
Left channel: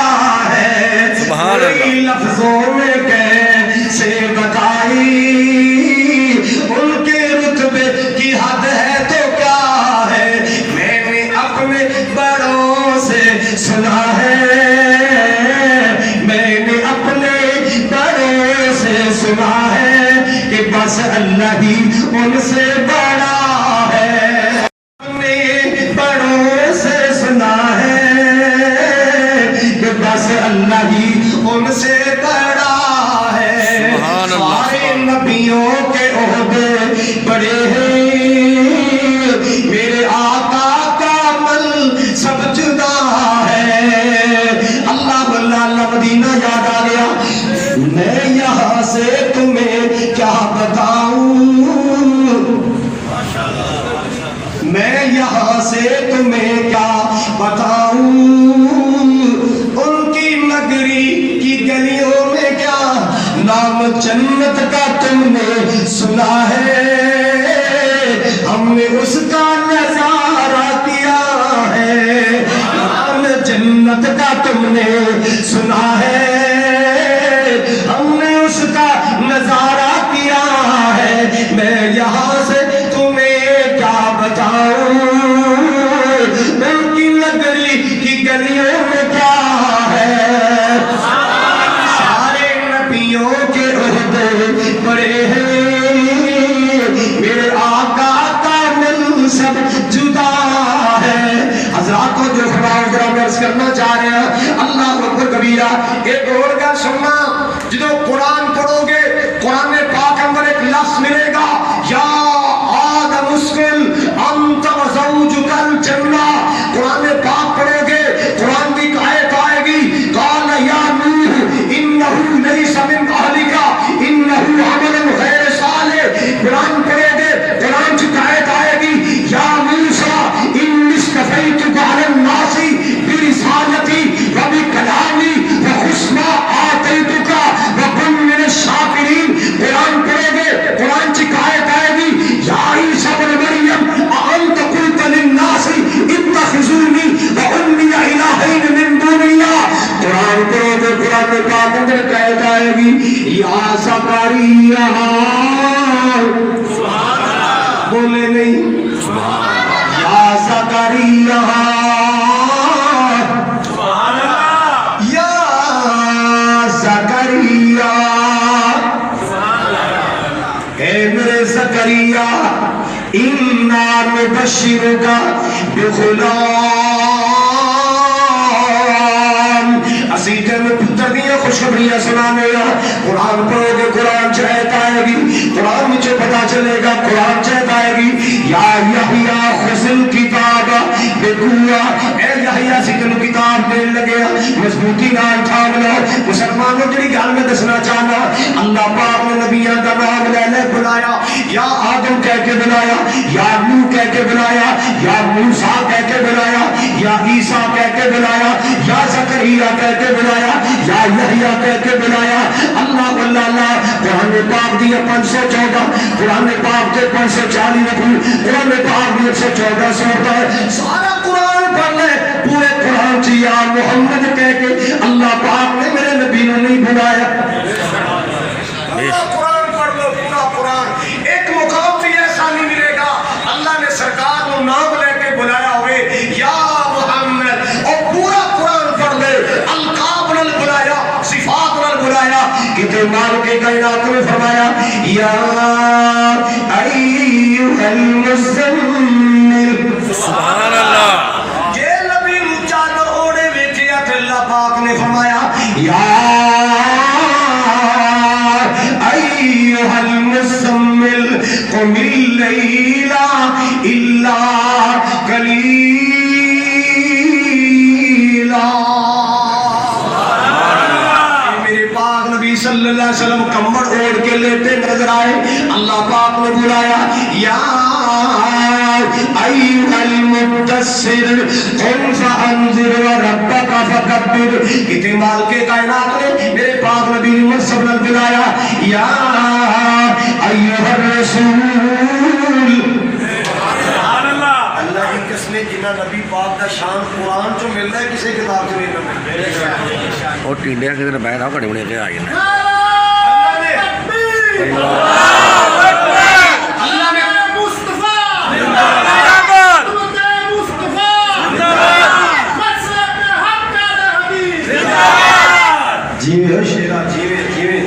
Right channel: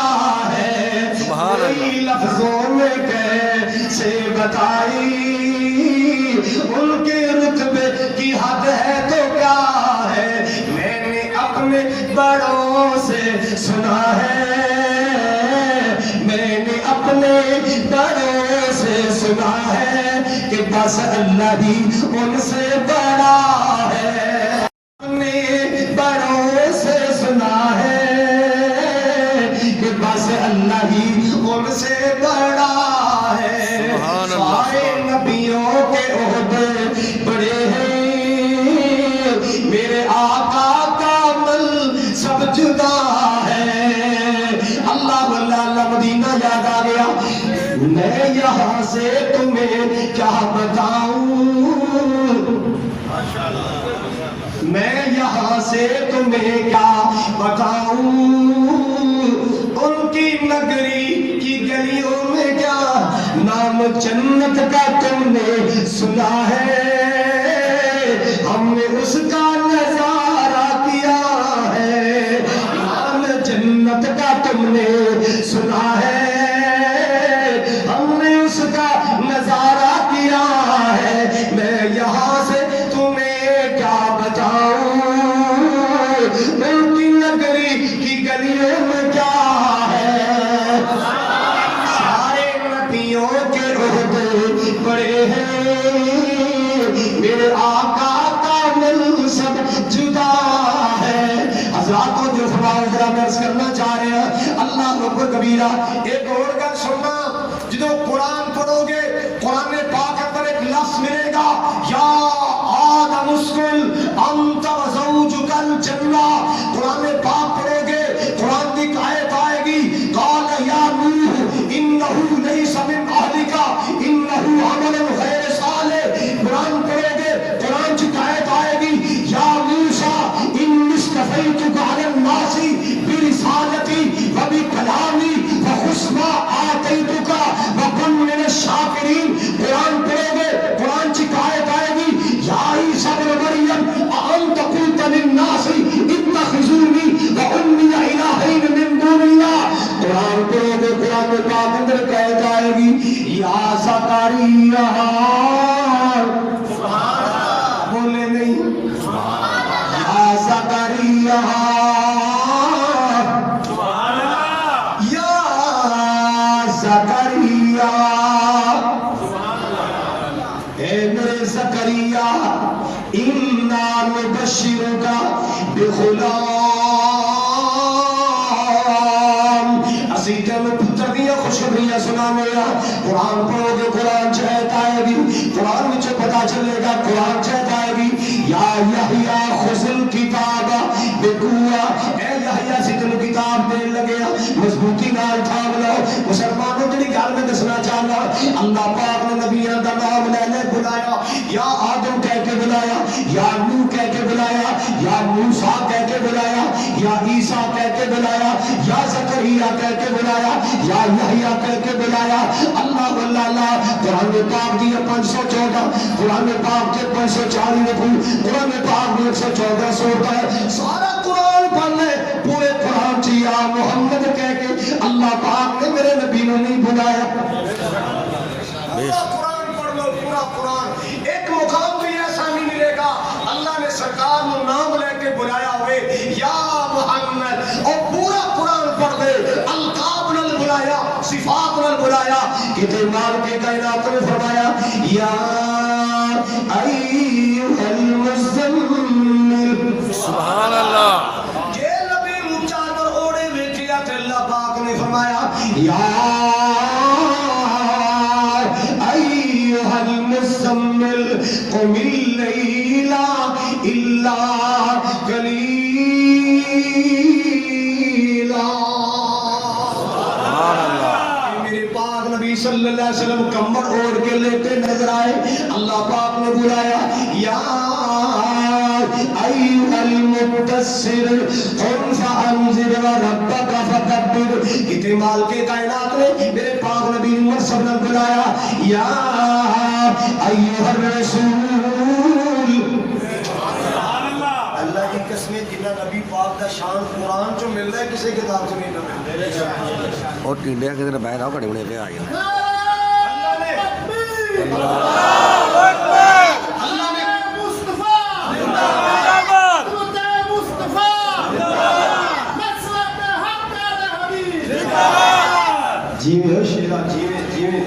ہے کوئی لفظوں میں کیسے بتائے ان سے بڑا ہے، نے بڑوں سے سنا ہے کہ بس اللہ ہی ان سے بڑا ہے۔ سارے نبیوں کے عہدے بڑے ہیں، میرے آقا کا عمل سب جدا ہے۔ اللہ اللہ مدینہ یاد آ گیا۔ میں یہاں سے تمہیں کیا بتاؤں، میں یہاں سے تمہیں کیا بتاؤں، ان کی نگری کی گلیوں میں کیا نام جنت کا تم نے سنا ہے، ہم نے اس کا نظارہ کیا ہے، نام جنت کا تم نے سنا ہے، ہم نے اس کا نظارہ کیا ہے، میں یہاں سے تمہیں کیا بتاؤں، ان کی نگری کی گلیوں میں کیا ہے، سارے نبیوں کے عہدے بڑے ہیں، میرے آقا کا من سب جدا ہے۔ حضرات کو جو خدا میں عرض کرنا چاہ رہے ہیں، اللہ اکبر کبیرہ۔ ایک اور کا سننا، جدو قرآن پڑھو گے قرآن پاک اندر ایک لفظ ملے گا، یا آدم اسکن انت و زوجک الجنہ۔ قرآن پاک پڑھو گے قرآن کی آیت آئے گی، قال یا نوح انہ لیس من اہلک انہ عمل غیر صالح۔ قرآن پڑھو گے قرآن کی آیت آئے گی، یا موسیٰ انی اصطفیتک علی الناس برسالتی و بکلامی وحسن آتیتک وکن من الشاکرین۔ قرآن پڑھو گے قرآن کی آیت آئے گی، یا عیسیٰ ابن مریم اانت قلت للناس اتخذونی وامي الہین من دون اللہ۔ قرآن پڑھو گے قرآن پاک اندر آیت آئے گی، یا زکریا، بولے نہیں، یا زکریا، یا زکریا، اے میرے زکریا، انا نبشرک بغلام، اسی تمہیں پتر دیا خوشخبریاں سنانے گا۔ قرآن پڑھو گے قرآن چاہت آئے گی، قرآن مجھے پتا چلے گا، قرآن چاہت آئے گی، یا یحییٰ خذ الکتاب بقوہ، اے یحییٰ سی تینوں کتاب دین لگے مضبوطی نال تھام لو۔ مسلمانوں جڑی گل میں دسنا چاہنا، اللہ پاک نے نبیاں دا نام لے لے بلایا، یا آدم کہہ کے بلایا، یا نوح کہہ کے بلایا، یا موسیٰ کہہ کے بلایا، یا عیسیٰ کہہ کے بلایا، یا زکریا کہہ کے بلایا، یا یحییٰ کہہ کے بلایا۔ اللہ اللہ قرآن پاک دی 514، قرآن پاک کے 540 رکوع، قرآن پاک دی 114 سورتیں ہے، سارا قرآن پڑھ لے، پورے قرآن چی یا محمد کہہ کے اللہ پاک نے میرے نبی نے نہیں بلایا۔ پورا قرآن پڑھ لو، پورا قرآن، ایک مقام بھی ایسا نہیں ملے گا اللہ نے سرکار کو نام لے کے بلایا ہوئے یا محمد، اور پورا قرآن پڑھ لے، القاب نل بلایا، صفات نل بلایا، کتے مال کے کائنات میں فرمایا، یا ایوہ المزمل، سبحان اللہ، یہ نبی مچالو اوڑے ویکھیا تے اللہ پاک نے فرمایا، یا ایوہ المزمل قم اللیل الا قلیلا۔ میرے پاک نبی صلی اللہ علیہ وسلم کمبل اوڑھ کے لیتے نظر آئے، اللہ پاک نے بلایا، یا ایوہ المدثر قم فانذر وربک فکبر۔ کتنے مال کے کائنات نے میرے پاک نبی نے منصب نہ بلایا، یا ایوہ الرسول۔ اللہ کی قسمیں جنہ نبی پاک کا شان قرآن چو مل رہا ہے، کسی کتاب سے نہیں۔ اور ٹینڈیا کے دن بیٹھا کڑی بڑی کے آئی اللہ نے جیوے شیرہ جیوے جیوے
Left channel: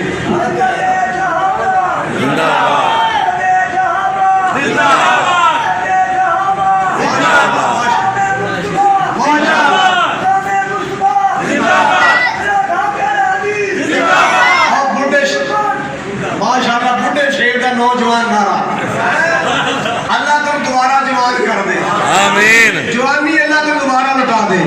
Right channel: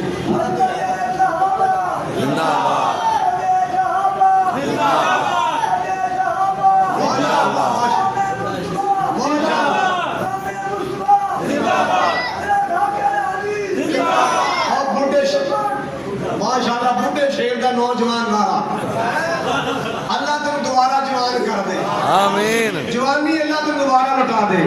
ماشاءاللہ بڈھے شیر کا نوجوان نارا اللہ تم دوبارہ جوان کر دے آمین جوانی اللہ تم دوبارہ لٹا دے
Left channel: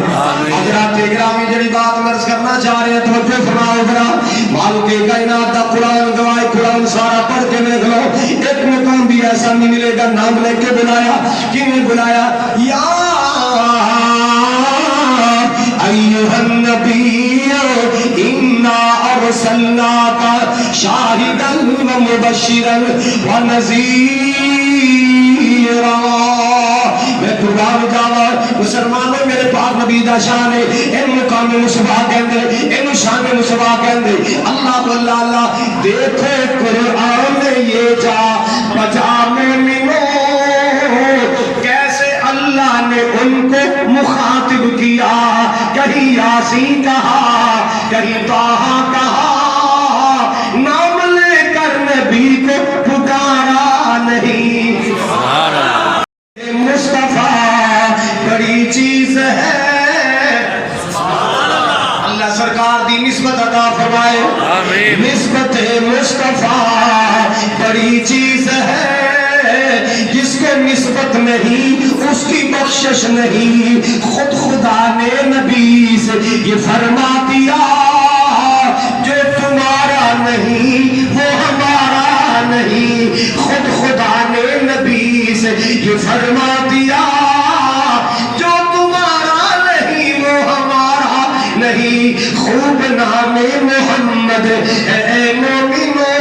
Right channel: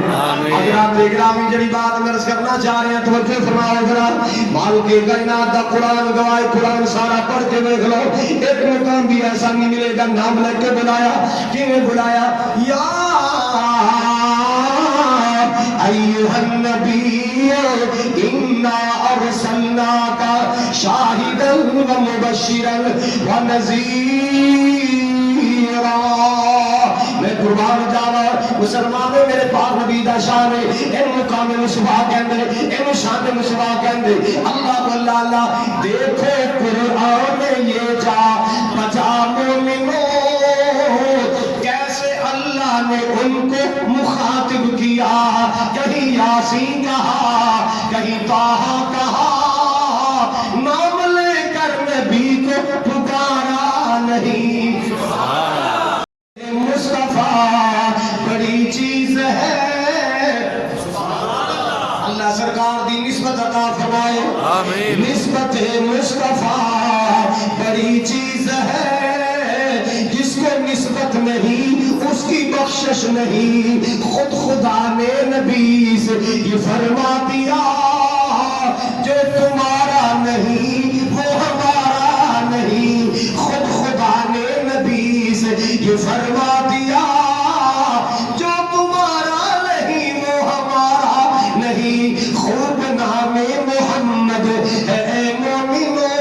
حضرات گرامی جڑی بات مرض کرنا چاہ رہے ہیں توجہ فرماؤ ذرا مالک کائنات کا قرآن گواہی قرآن سارا پڑھ کے دیکھ لو ایک مقام بھی ایسا نہیں ملے گا نام لے کے بلایا کیوں بلایا یا ایھا النبی انا ارسلناک شاہدا ومبشرا ونذیرا میں قربان جاوا مسلمانوں میرے پاک نبی دا شان ہے ان مقام مصطفیٰ کہندے ان شان مصطفیٰ کہندے اللہ اللہ اللہ دیکھو قرآن میں یہ جا بجا مومنوں کیسے اللہ نے ان کو مخاطب کیا کہیں یاسین کہا کہیں طٰہٰ کہا نام لے کر نبی کو پکارا نہیں مصطفیٰ بڑی چیز ہے اللہ سرکار دی نسبت عطا فرمائے آمین نسبت مصطفیٰ بڑی چیز ہے جس کو نسبت نہیں اس کی بخشش نہیں خود خدا نے نبی سے یہ فرما دیا جو تمہارا نہیں وہ ہمارا نہیں خود خدا نے نبی سے یہ فرما دیا جو تمہارا نہیں وہ ہمارا نہیں خوب نام محمد اے مومنو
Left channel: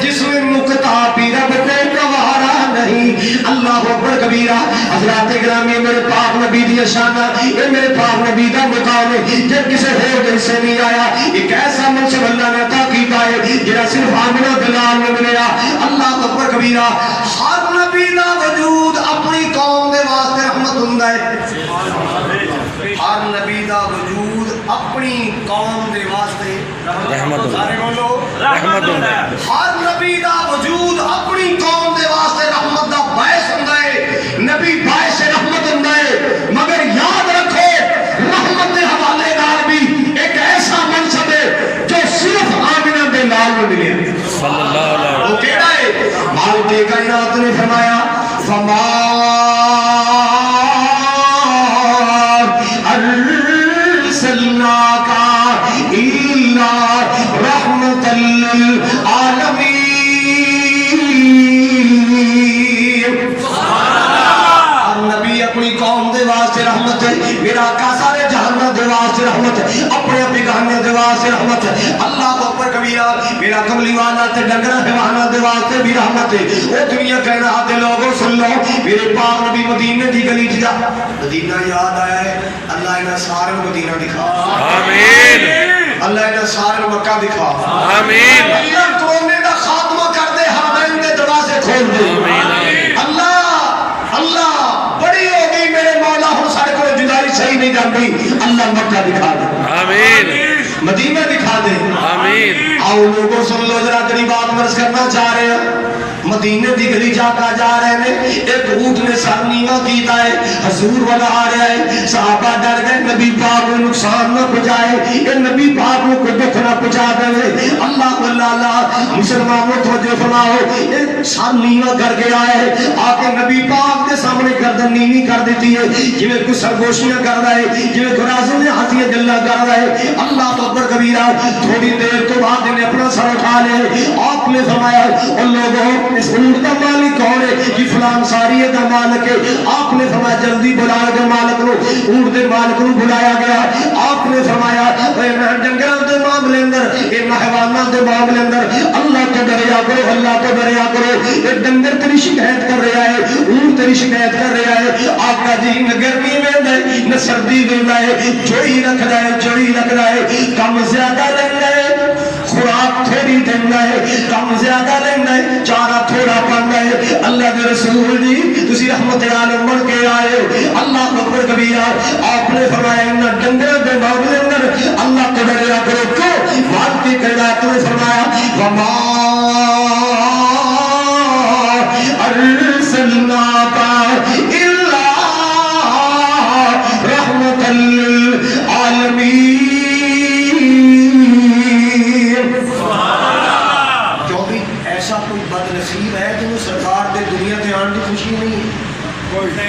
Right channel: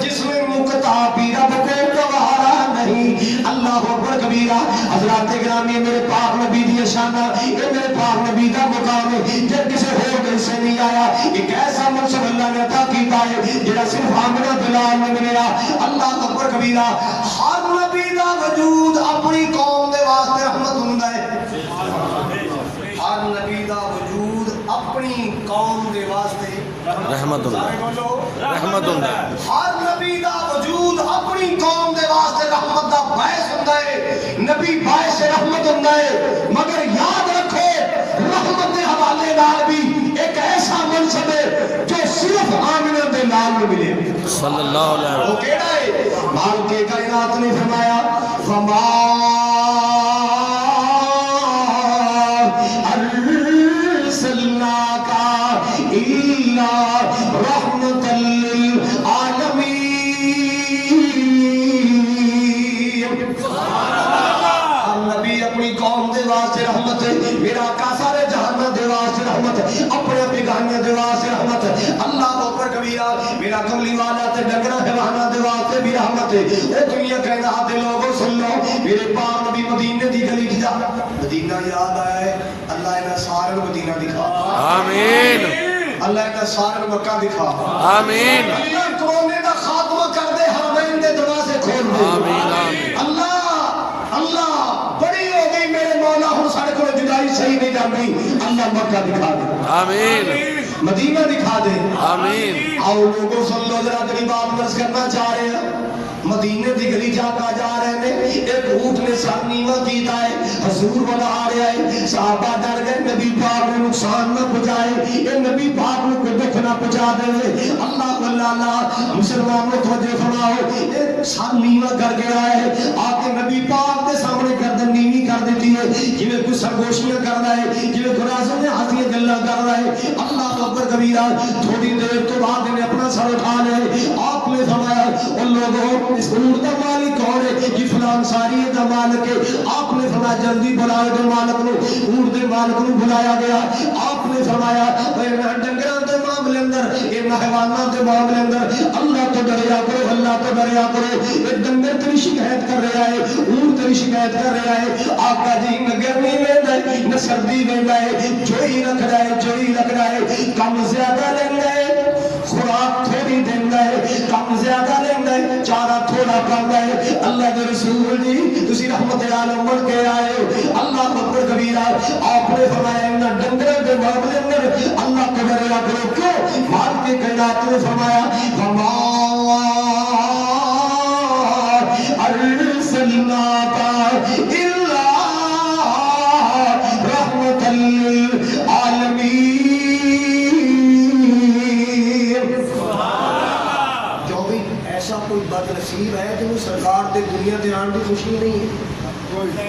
جس میں نکتہ بھی رب کو گوارا نہیں اللہ اکبر کبیرہ حضرات گرامی میرے پاک نبی دی شانہ یہ میرے پاک نبی دا مقام ہے جب کسے ہو دل سے نہیں آیا ایک ایسا منصب اللہ نے عطا کیتا ہے جنہا صرف آمنہ بلال میں ملیا اللہ اکبر کبیرہ ہر نبی دا وجود اپنی قوم دے واسطے رحمت ہوندا ہے ہر نبی دا وجود اپنی قوم دے واسطے رحمت ہوندا ہے رحمت ہوندا ہے ہر نبی دا وجود اپنی قوم دے واسطے رحمت دا باعث ہوندا ہے نبی باعث رحمت ہوندا ہے مگر یاد رکھو رحمت دے حوالے نال بھی ایک ایسا منصب ہے جو صرف آمنہ دے نال ملیا صلی اللہ علیہ وہ کیڑا ہے مالک کائنات نے فرمایا فما ارسلناک الا رحمۃ للعالمین نبی اپنی قوم دے واسطے رحمت ہے میرا آقا سارے جہانوں دے واسطے رحمت ہے اپنے بیگانیاں دے واسطے رحمت ہے اللہ اکبر کبیرہ میرا کملی والا تے ڈنگرا حیوانہ دے واسطے بھی رحمت ہے او دنیا کہنا آتے لوگوں سن لو میرے پاک نبی مدینے دی گلی جا مدینہ یاد آیا ہے اللہ انہاں سارے مدینہ دکھا آمین اللہ انہاں سارے مکہ دکھا آمین اللہ کونے دا خاتمہ کر دے حرمین دے دروازے کھول دے آمین اللہ اللہ بڑی ہو گئی میرے مولا ہوں سارے کو جدائی صحیح نہیں جان گئی اللہ مکہ دکھا دے آمین مدینہ دکھا دے آمین آؤ لوگوں سن لو ذرا تیری بات مرض کرنا چاہ رہے ہیں مدینے دی گلی جا رہے ہیں ایک اونٹ نے سر نیواں کیتا ہے حضور والا آ رہا ہے صحابہ ڈر گئے نبی پاک کو نقصان نہ پہنچائے یہ نبی پاک کو دکھ نہ پہنچا دے اللہ اللہ مسلمانوں توجہ فرماؤ ایک سر نیواں کر کے آئے آ کے نبی پاک کے سامنے گردن نیوی کر دیتی ہے جویں کوئی سرگوشیاں کر رہا ہے جویں کوئی رازوں نے ہاتھیاں گلاں کر رہا ہے اللہ اکبر کبیرہ تھوڑی دیر تو بعد نے اپنا سر اٹھا لے آپ نے فرمایا ان لوگوں اس اونٹ کا مالک کون ہے یہ فلان ساریہ کا مالک ہے آپ نے فرمایا جلدی بلاؤ جو مالک نو اونٹ دے مالک نو بلایا گیا آپ نے فرمایا ڈنگراں دے معاملے اندر اے حیواناں دے معاملے اندر اللہ تو ڈریا کرو اللہ تو ڈریا کرو یہ ڈنگر تیری شکایت کر رہا ہے اونٹ تیری شکایت کر رہا ہے آقا جی نہ گرمی ویندا ہے نہ سردی ویندا ہے چوئی رکھ رہا ہے کم زیادہ لیندا ہے خوراک تھوڑی دیندا ہے کم زیادہ لیندا ہے چارہ تھوڑا پاندا ہے اللہ دے رسول جی تسی رحمت عالم بن کے آئے اللہ اکبر کبیرہ آپ نے فرمایا ان ڈنگراں دے معاملے اندر اللہ کو ڈریا کرو کیوں بات کے قیادت نے فرمایا وما ارسلناک الا رحمۃ للعالمین. کیونکہ ایسا کوئی بد نصیب ہے جنہوں سرکار دے دنیا تے آن دی خوشی نہیں ہے؟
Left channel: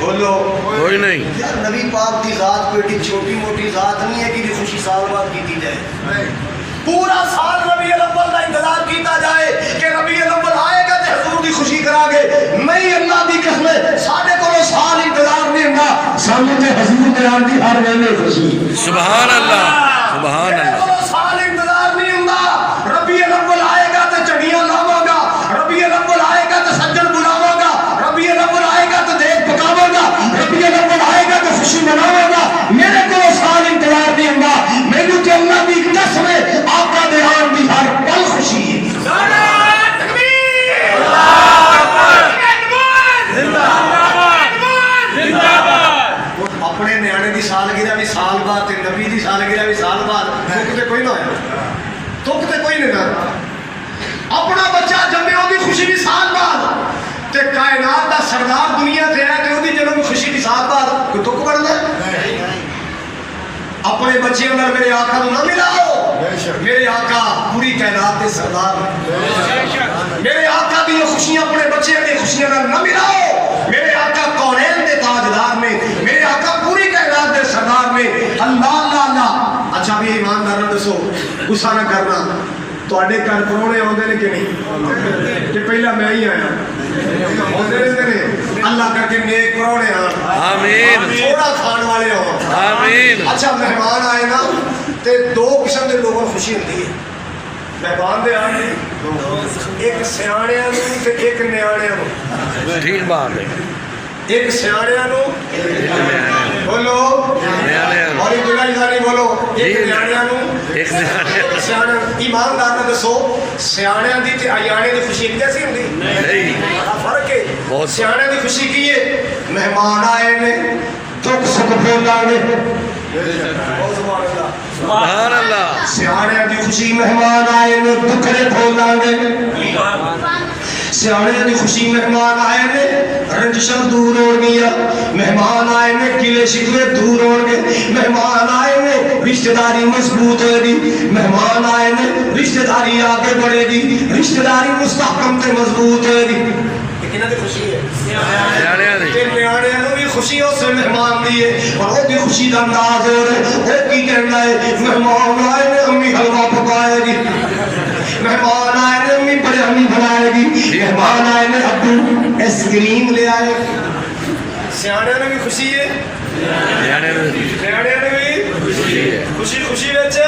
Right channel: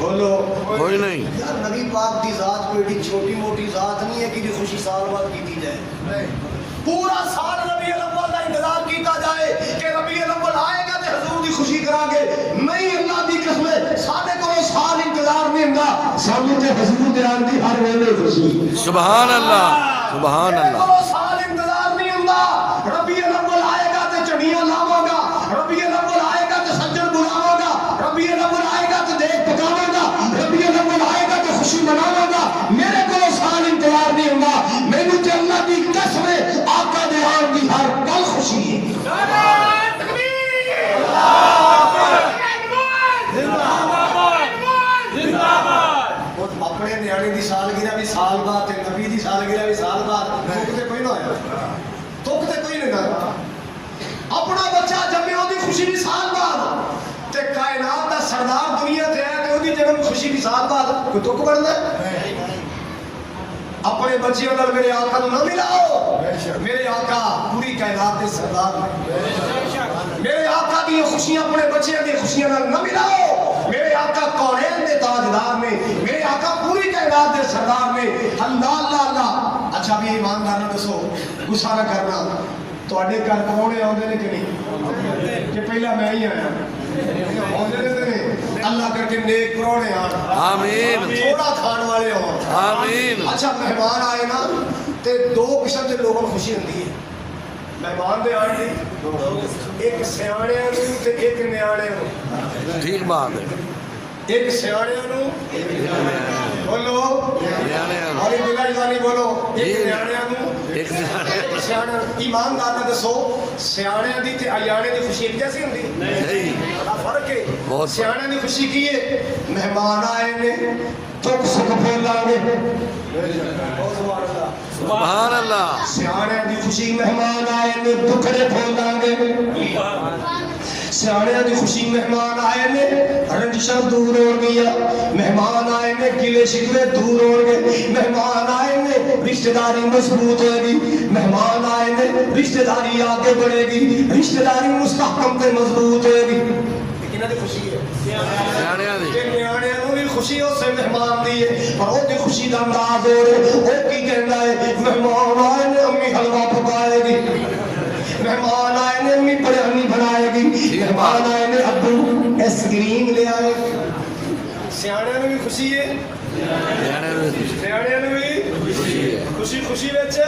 بولو کوئی نہیں. یار نبی پاک دی ذات کوئی ایڈی چھوٹی موٹی ذات نہیں ہے کہ خوشی سال بعد کی جائے. پورا سال ربیع الاول کا انتظار کیتا جائے کہ ربیع الاول آئے گا تو حضور دی خوشی کرا گے. نہیں اللہ دی قسم ساڈے کول سال انتظار نہیں ہوندا, سانوں تے حضور دے آن دی ہر ویلے خوشی. سبحان اللہ سبحان اللہ. سال انتظار نہیں ہوندا. ربیع الاول آئے گا تو چڑیاں لاواں گا, ربیع الاول آئے گا تو سجن بلاواں گا, ربیع الاول آئے گا تو دیکھ پکاواں گا, ربیع الاول آئے گا تو خوشی مناواں گا. میرے کو سال انتظار نہیں ہوندا. مینوں تے اللہ دی قسم ہے آقا دے آن دی ہر پل خوشی ہے. اپنے نیانے دی سالگرہ بھی سال بعد تے نبی دی سالگرہ بھی سال بعد. دکھ تے کوئی نہ ہویا, دکھ تے کوئی نہیں ہویا. اپنا بچہ جمے وہ خوشی بھی سال بعد تے کائنات دا سردار دنیا تے ہے تے وہ جنم خوشی بھی سال بعد. کوئی دکھ بڑھتا ہے؟ اپنے بچے اندر میرے آقا نو نہ ملاؤ. میرے آقا پوری کائنات دے سردار. میرے آقا دی خوشیاں اپنے بچے دی خوشیاں نہ ملاؤ. میرے آقا کونین دے تاجدار میں, میرے آقا پوری کائنات دے سردار میں. اللہ اللہ اللہ. اچھا بھی ایماندار نہ دسو, غصہ نہ کرنا, تواڈے گھر پرونے آوندے نے کہ نہیں؟ کہ پہلا میں ہی آیا آوندے نے؟ اللہ کر کے نیک پرونے آ, آمین, تھوڑا کھان والے ہو. آمین. اچھا مہمان آئے نا تے دو قسم کے لوگوں کو خوشی ہوتی ہے. مہمان دے آنے دی ایک سیاڑیاں نو تے ایک نیاڑیاں نو. ٹھیک بات ہے. ایک سیاڑیاں نو بولو نیاڑیاں. اور جگہ جانی بولو ایک نیاڑیاں نو ایک نیاڑیاں. سیاڑیاں. ایماندار نہ دسو سیاڑیاں دی تے ایاڑیاں دی خوشی ایک جیسی ہوندی؟ نہیں. بڑا فرق ہے. بہت. سیاڑیاں دی خوشی کی ہے مہمان آئے نے چک سک بولاں نے. سبحان اللہ. سیاڑیاں دی خوشی مہمان آئے نے دکھڑے کھولاں گے. سیاڑیاں دی خوشی مہمان آئے نے رنجشاں دور ہو گیا. مہمان آئے نے گلے شکوے دور ہو گے. مہمان آئے نے رشتہ داری مضبوط ہوئے گی. مہمان آئے نے رشتہ داری آگے بڑھے گی. رشتہ داری مستحکم تے مضبوط ہوئے گی. کنہاں دی خوشی ہے؟ نیاڑیاں دی. تے نیاڑیاں نوں بھی خوشی اس سے مہمان دی ہے اور وہ بھی خوشی دا انداز ہو رہا ہے. وہ کی کہنا ہے مہمان آئے نے امی حلوہ پکائے گی. مہمان آئے نے امی بریانی بنائے گی. مہمان آئے نے ابو ایس کریم لے آئے. سیاڑیاں نوں بھی خوشی ہے, نیاڑیاں دی. نیاڑیاں نوں بھی خوشی خوشی وچ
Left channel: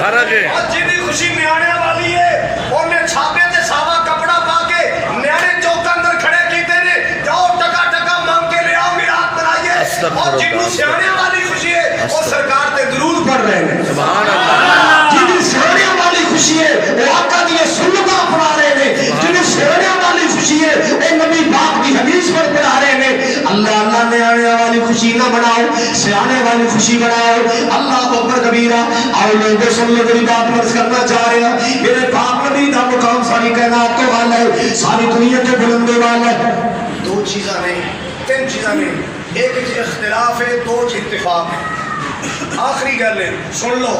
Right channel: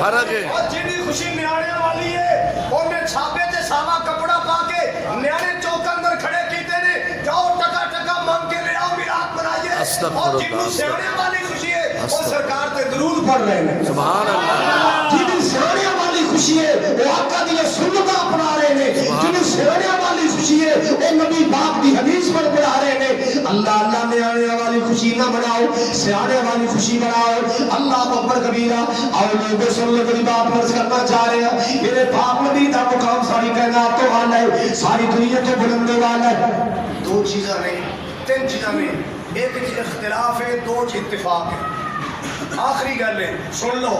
فرق ہے. اور جیدی خوشی نیاڑیاں والی ہے اونے چھاپے تے ساوا کپڑا پا کے نیاڑے چوک اندر کھڑے کیتے نے جاؤ ٹکا ٹکا مانگ کے لے آؤ میراث بنائیے. اور جنوں سیاڑیاں والی خوشی ہے وہ سرکار تے درود پڑھ رہے ہیں. سبحان اللہ. جنوں سیاڑیاں والی خوشی ہے وہ آقا دی سنتاں اپنا رہے ہیں. جنوں سیاڑیاں والی خوشی ہے وہ نبی پاک دی حدیث پر پڑھا رہے ہیں. اللہ اللہ نیاڑیاں والی خوشی نہ بناؤ, سیاڑے والی خوشی بناؤ. اللہ اکبر کبیرہ. اور لوگوں سن لو میری بات مرض کرنا چاہ رہے ہیں. میرے پاک نبی دا مقام ساری کائنات کے والا ہے, ساری دنیا کے بلندے والا ہے. دو چیزاں نہیں, تین چیزاں نہیں. ایک اختلاف ہے, دو اتفاق ہے. آخری گل ہے سن لو.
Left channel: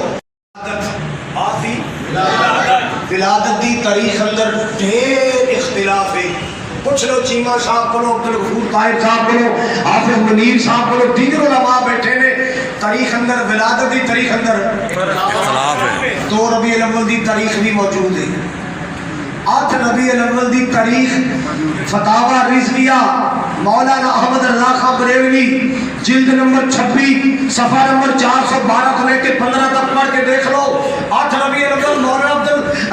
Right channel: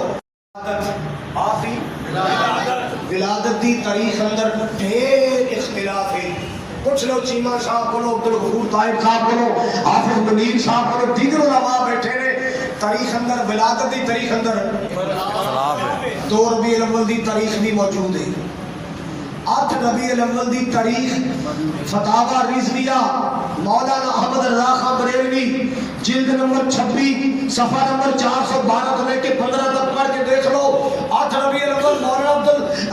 ولادت دی تاریخ اندر ڈھیر اختلاف ہے. پوچھ لو چیمہ صاحب کو, عبد الغفور طاہر صاحب کو, حافظ منیر صاحب کو, دیگر علماء بیٹھے نے. تاریخ اندر ولادت دی تاریخ اندر تو ربیع الاول دی تاریخ بھی موجود ہے. 8 ربیع الاول دی تاریخ فتاوی رضویہ مولانا احمد رضا خان بریلوی جلد نمبر 26 صفحہ نمبر 412 کو لے کے 15 تک پڑھ کے دیکھ لو. 8 ربیع الاول مولانا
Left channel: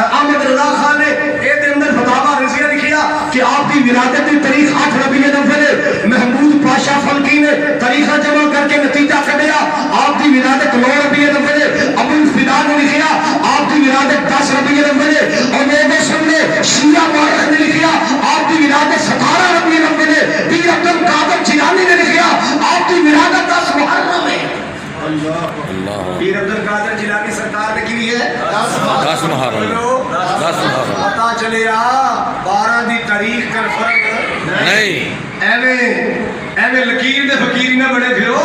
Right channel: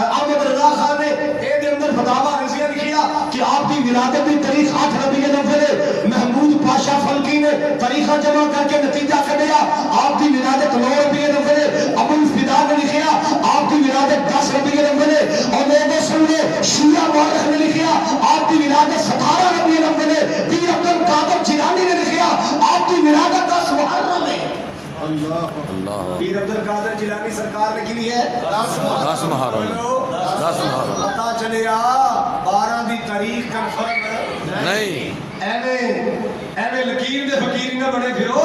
احمد رضا خان نے اے دے اندر فتاوی رضویہ لکھیا کہ آپ کی ولادت کی تاریخ 8 ربیع الاول ہے. محمود پاشا فلکی نے تاریخہ جمع کر کے نتیجہ کھڑیا آپ کی ولادت 9 ربیع الاول ہے. ابو الفدا نے لکھیا آپ کی ولادت 10 ربیع الاول ہے. اور لوگوں سن لے شیعہ مورخ نے لکھیا آپ کی ولادت 17 ربیع الاول ہے. پیر عبد القادر جیلانی نے لکھیا آپ کی ولادت 10 محرم ہے. پیر عبد القادر جیلانی سرکار نے کی ہے 10 محرم. 10 محرم. پتا چلے 12 دی تاریخ کا فرق نہیں. بڑے پھرو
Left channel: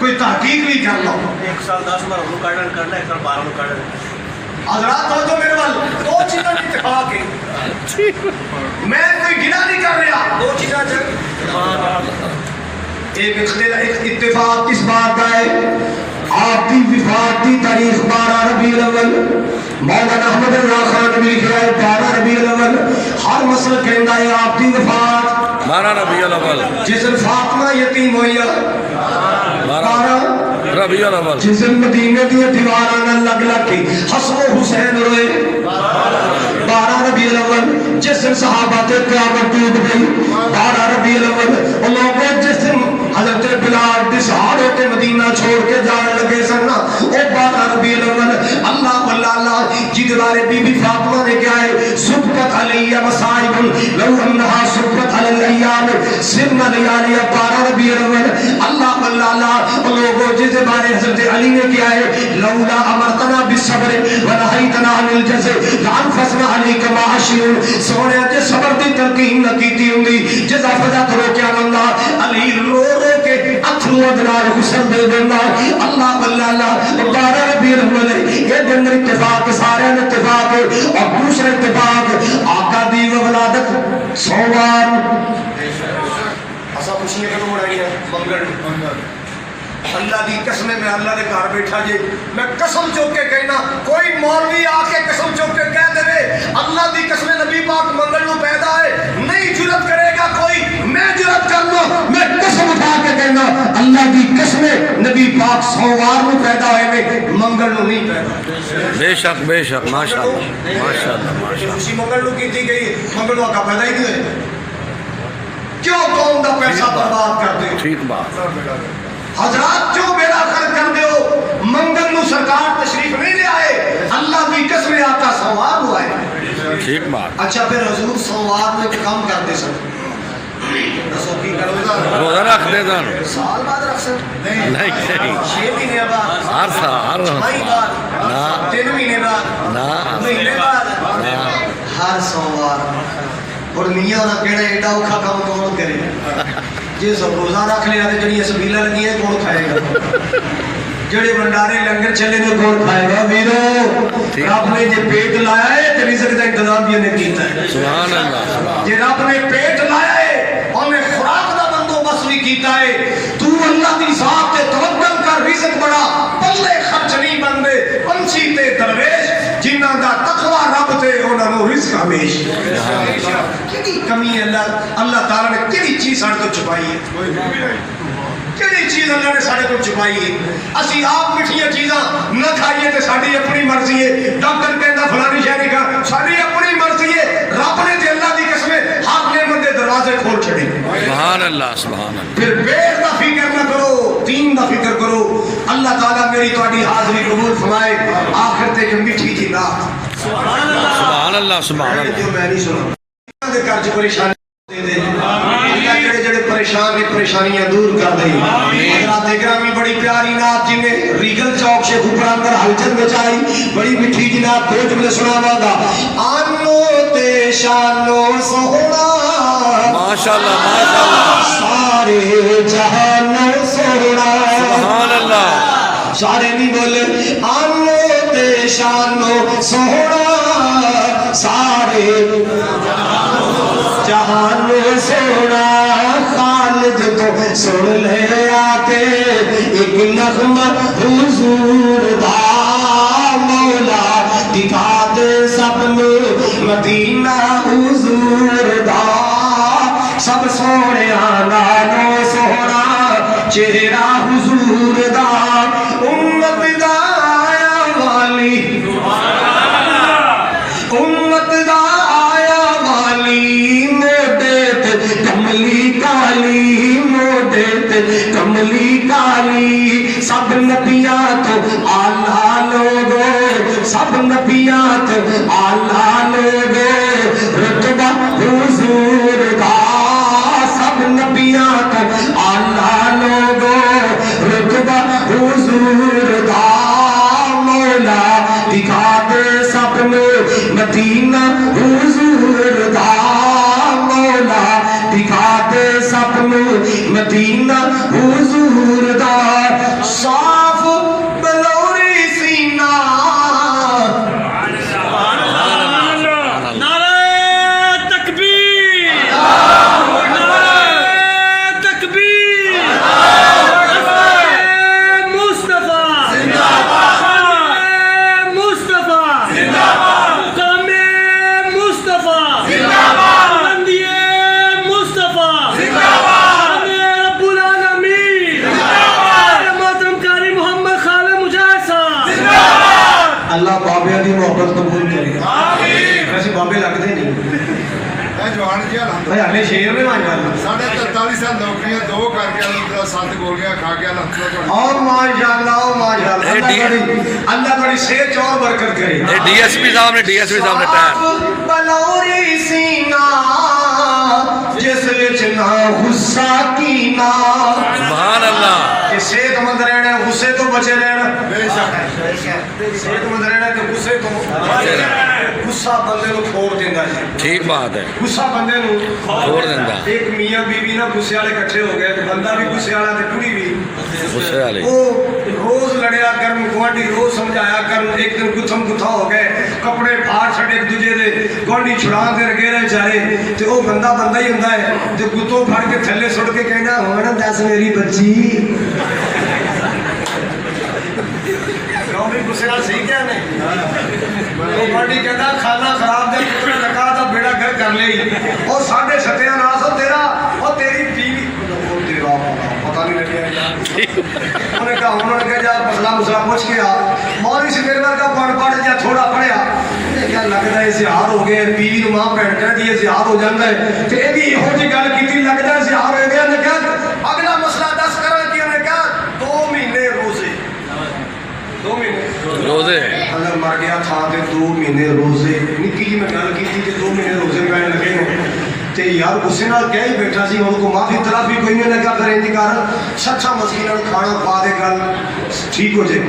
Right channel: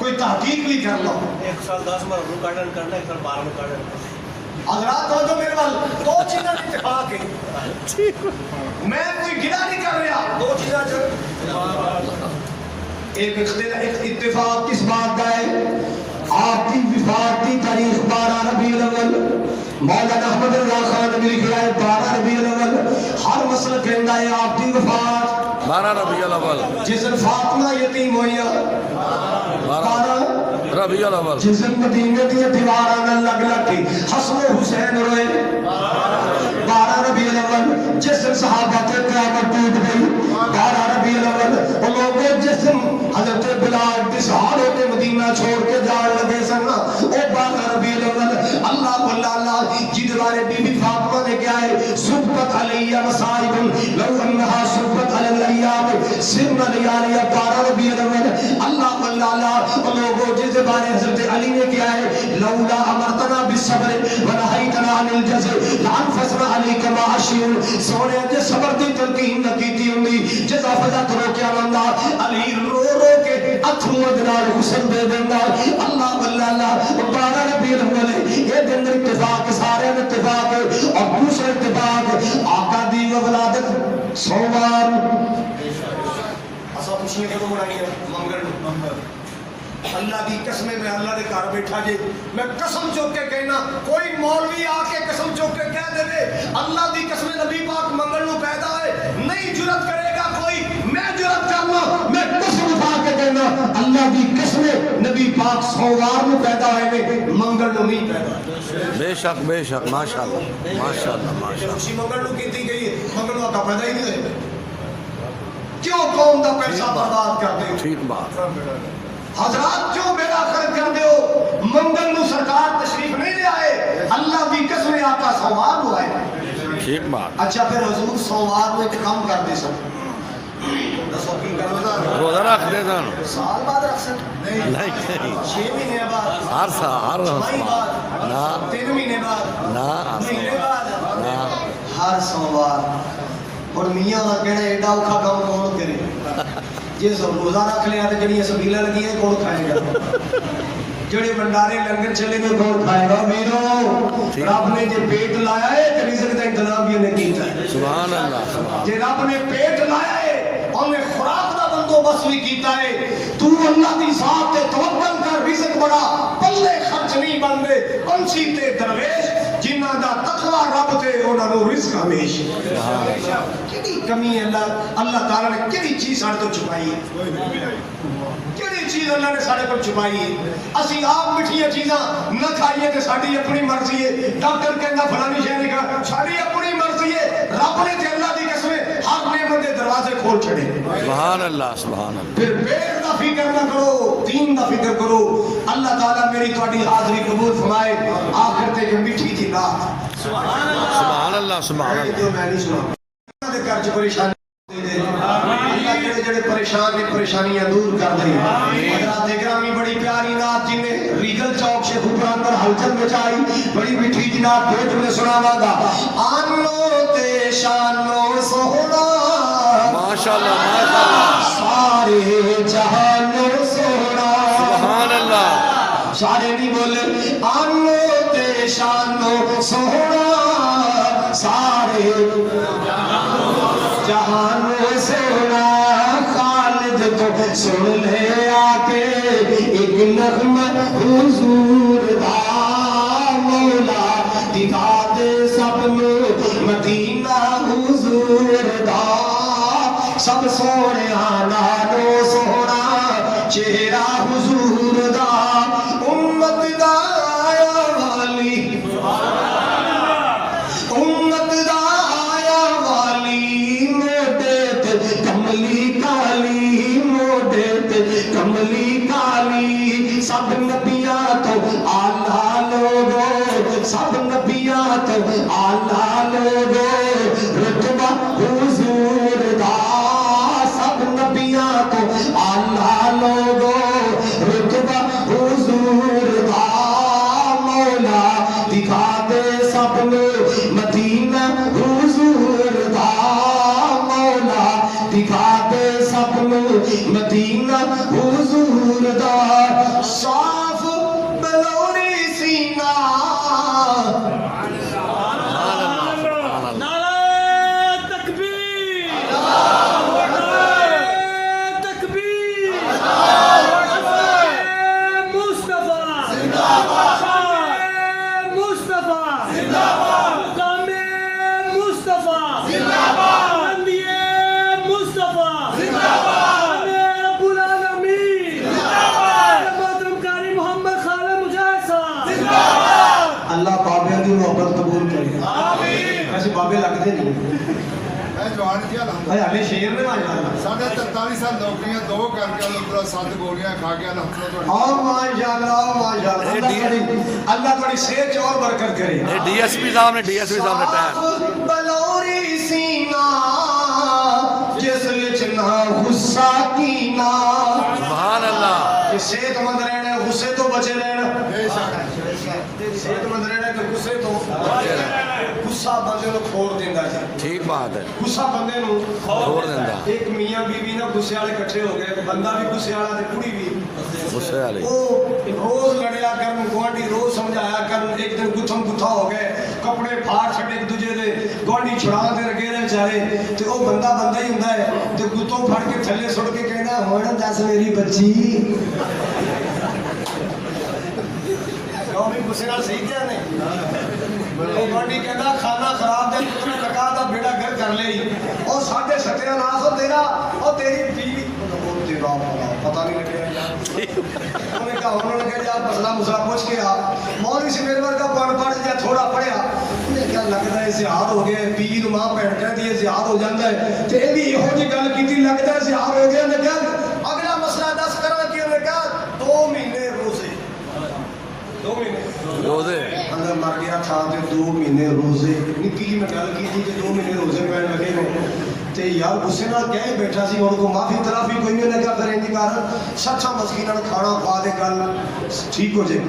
کوئی تحقیق بھی کر لو 1 سال 10 ماہ ہوں کرنا 1 سال 12 میں کرنا حضرات توجہ میرے وال دو چیزاں کی اتفاق ہے میں کوئی گناہ نہیں کر رہا دو چیزاں ایک اتفاق کس بات کا ہے آپ کی وفات کی تاریخ 12 ربیع الاول مولانا احمد رضا خان نبی لکھا ہے 12 ربیع الاول ہر مسئلہ کہندا ہے آپ کی وفات 12 ربیع الاول جس دن فاطمہ یتیم ہوئی 12 ربیع الاول جس دن مدینے دی دیواراں نال لگ لگ کے حسن و حسین روئے 12 ربیع الاول جس دن صحابہ تے قیامت ٹوٹ گئی 12 ربیع الاول وہ لوگ جس دن حضرت بلال دے صحابے کے مدینہ چھوڑ کے جان لگے سن او 12 ربیع الاول اللہ واللہ جی دوارے بی بی فاطمہ نے کیا ہے سبقت علیہ مصائب لو انہا سبقت علی الایام سن لیالی 12 ربیع الاول اللہ واللہ وہ لوگ جس بارے حضرت علی نے کیا ہے لولا امرتنا بالصبر ونہیتنا عن الجزع لانفسنا علیک ما اشیر سونے کے صبر دی تلقین نہ کیتی ہوندی جزا فضا کرو کیا بندہ علی رو رو کے اتھرو ادنار غسل دے دینا اللہ واللہ 12 ربیع الاول یہ دن اتفاق سارے اتفاق اور دوسرے اتفاق آقا دی ولادت سوار ایسا خوشی ہے کہ اڑائی ہے منگل اللہ دی قسم میں اللہ دے گھر بیٹھا جے میں قسم چوک کے کہنا کوئی مولوی آ کے قسم چوک کے کہہ دے اللہ دی قسم نبی پاک منگل نو پیدا ہے نہیں جرت کرے گا کوئی میں جرت کر لوں میں قسم اٹھا کے کہنا اللہ دی قسم نبی پاک سوار نو پیدا ہوئے میں منگل نو نہیں پیدا بے شک ماشاءاللہ ماشاءاللہ اسی منگل نو کی تھی گئی منگل نو کا پیدا ہی نہیں ہوئے کیوں قوم دا پیسہ برباد کرتے ہو ٹھیک بات حضرات کیوں بیڑا خرچ کر دیو منگل نو سرکار تشریف نہیں لے آئے اللہ دی قسم آقا سوار ہوا ہے ٹھیک بات اچھا پھر حضور سوار میں کام کرتے سن رسول کی کرو روزہ رکھ دے دان سال بعد رکھ سن نہیں 6 مہینے بعد ہر سال چھمائی بعد نا 3 مہینے بعد نا مہینے بعد ہر سوار اور میاں دا کہنا ایڈا اوکھا کام کون کرے جی سب روزہ رکھ لیا تو جڑی سبیلہ لگی ہیں کون کھائے گا جڑے بندارے لنگر چلے تو کون کھائے گا میرو رب نے جے پیٹ لایا ہے تو رزق کا انتظام بھی انہیں کیتا ہے سبحان اللہ جے رب نے پیٹ لایا ہے انہیں خوراک دا بندوبست بھی کیتا ہے تو اللہ دی ذات تے توکل کر رزق بڑا پلے خرچ نہیں بندے پنچھی تے درویش جنہ دا تقوی رب تے انہاں نو رزق ہمیش کیڑی کمی ہے اللہ تعالیٰ نے کیڑی چیز ساڑھے تو چھپائی ہے کیڑی چیز اللہ نے ساڑھے تو چھپائی ہے اسی آپ مٹھیاں چیزاں نہ کھائیے تے ساڑھی اپنی مرضی ہے ڈاکٹر کہندا فلانی شہری کا ساڑھی اپنی مرضی ہے رب نے تے اللہ دی قسم ہر نعمت دے دروازے کھول چھڑے سبحان اللہ پھر پیٹ دا فکر نہ کرو دین دا فکر کرو اللہ تعالیٰ میری تہاڈی حاضری قبول فرمائے آخر تے کہ میٹھی جی رات سبحان اللہ جو میں نہیں سنا دے قرض پریشانی دے دے جڑے جڑے پریشان نے پریشانیاں دور کر دے حضرات گرامی بڑی پیاری نعت جن میں ریگل چوک سے اوپراندر ہلچل میں چائی بڑی میٹھی جی نعت دو جملے سناواں گا آنو تے شانو سونا ماشاءاللہ ماشاءاللہ سارے جہانو سونا سبحان اللہ سارے نہیں بولے آنو تے شانو سونا سارے جہانو سونا خالد تو سن لے آتے ایک نغمہ حضور دا مولا دکھا دے سب مدینہ حضور دا سب سونے نالو سونا چہرہ حضور دا امت دا آیا والی امت دا آیا والی موڈے تے کملی کالی موڈے تے کملی کالی سب نبیاں تو آلہ لوگو سب نبیاں تو آلہ لوگو رتبہ حضور دا سب نبیاں تو آلہ لوگو رتبہ حضور دا مولا دکھا دے سب مدینہ حضور دا مولا دکھا دے سب مدینہ حضور دا صاف بلوری سینہ اللہ بابے دی محبت قبول کرے ویسے بابے لگتے نہیں ہلے شیر میں مان جانا ساڑھے 43 سال نوکریاں دو کر کے اللہ 7 گولیاں کھا گیا نا اور ماشاءاللہ اللہ بڑی صحت اور برکت کرے ڈی ایس پی صاحب نے ٹائر بلوری سینہ جس وچ نہ غصہ کینا سبحان اللہ کہ صحت مند رہنا غصے تو بچے رہنا صحت مند رہنا کہ غصے تو غصہ بندے کو کھوڑ دیندا ہے ٹھیک بات ہے غصہ بندے کو کھوڑ دیندا ایک میاں بیوی نا غصے والے اکٹھے ہو گئے بندہ بھی غصے والا تے کڑی بھی غصے والے وہ روز لڑیا کرن گوانڈی روز سمجھایا کرن ایک دن گتھم گتھا ہو گئے کپڑے پھاڑ چھڑے ایک دوجے دے گوانڈی چھڑا کے رکھے رہے چارے تے وہ بندہ ہی ہوندا ہے تے گتوں پھڑ کے تھلے سٹ کے کہنا ہن دس میری بچی بھی غصے نال صحیح کیا نہیں وہ گوانڈی کہندا کھانا خراب دے پتر رکھا تا بیڑا گھر کر لئی او ساڈے ستیاں ناس تیرا او تیری بیوی تیرا پتہ نہیں لگیا انہوں نے کہا جا مسئلہ پوچھ کے آ مولوی سے میرے کا پڑھ جا تھوڑا پڑھیا کیا لگتا ہے اظہار ہو گیا بیوی نو ماں بہن کہہ دی اظہار ہو جاتا ہے تے ایندی یہو جی گل کیتی لگتا ہے اظہار ہو گیا تے کہا اگلا مسئلہ دس کرا کہ انہوں نے کہا 2 مہینے روزے 2 مہینے روزے اندر مر گیا تھا تے 2 مہینے روزے نکی جی میں گل کیتی کہ 2 مہینے روزے پہن لگے نے تے یار غصے نال کہہ ہی بیٹھا سی ان کو معافی تلافی کوئی نہیں لگا پھر اندی کر سچا مسکیناں نوں کھانا پا دے گل ٹھیک ہو جائے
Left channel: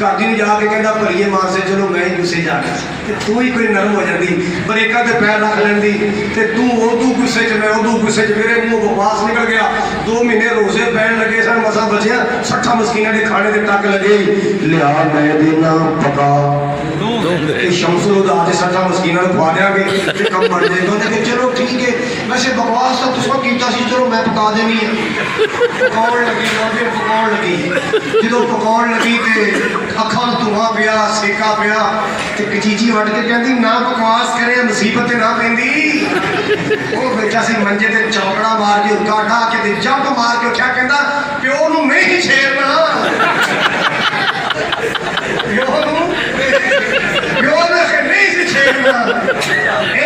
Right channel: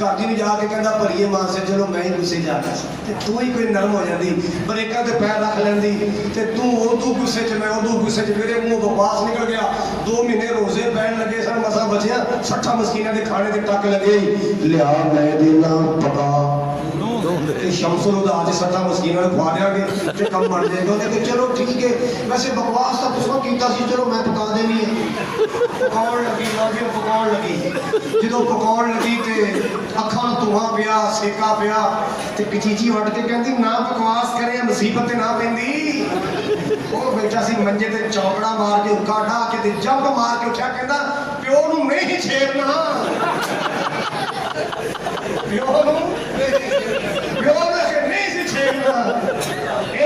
گھر دی جا کے کہندا بھلیے ماں سے چلو میں ہی غصے جا کے تے تو ہی کوئی نرم ہو جاندی بریکاں تے پیر رکھ لیندی تے تو اودو غصے چ میں اودو غصے چ میرے منہ بکواس نکل گیا 2 مہینے روزے پہن لگے سن مسا بچیا سچا مسکیناں دے کھانے دے ٹک لگے لیا میں دینا پکا کہ شمس الہدا آج سچا مسکیناں نوں کھوا دیاں گے تے کم بن جائے گا تے چلو ٹھیک ہے ویسے بکواس تو تساں کیتا سی چلو میں پکا دینی ہے پکاؤن لگی پھر پکاؤن لگی جدوں پکاؤن لگی تے اکھاں دھواں پیا سیکا پیا تے کچیچی وٹ کے کہندی نہ بکواس کرے مصیبت نہ پیندی وہ بیٹھا سی منجے تے چوکڑا مار کے اکا ڈا کے تے جمپ مار کے اٹھیا کہندا پیو نوں نہیں چھیڑنا پیو نوں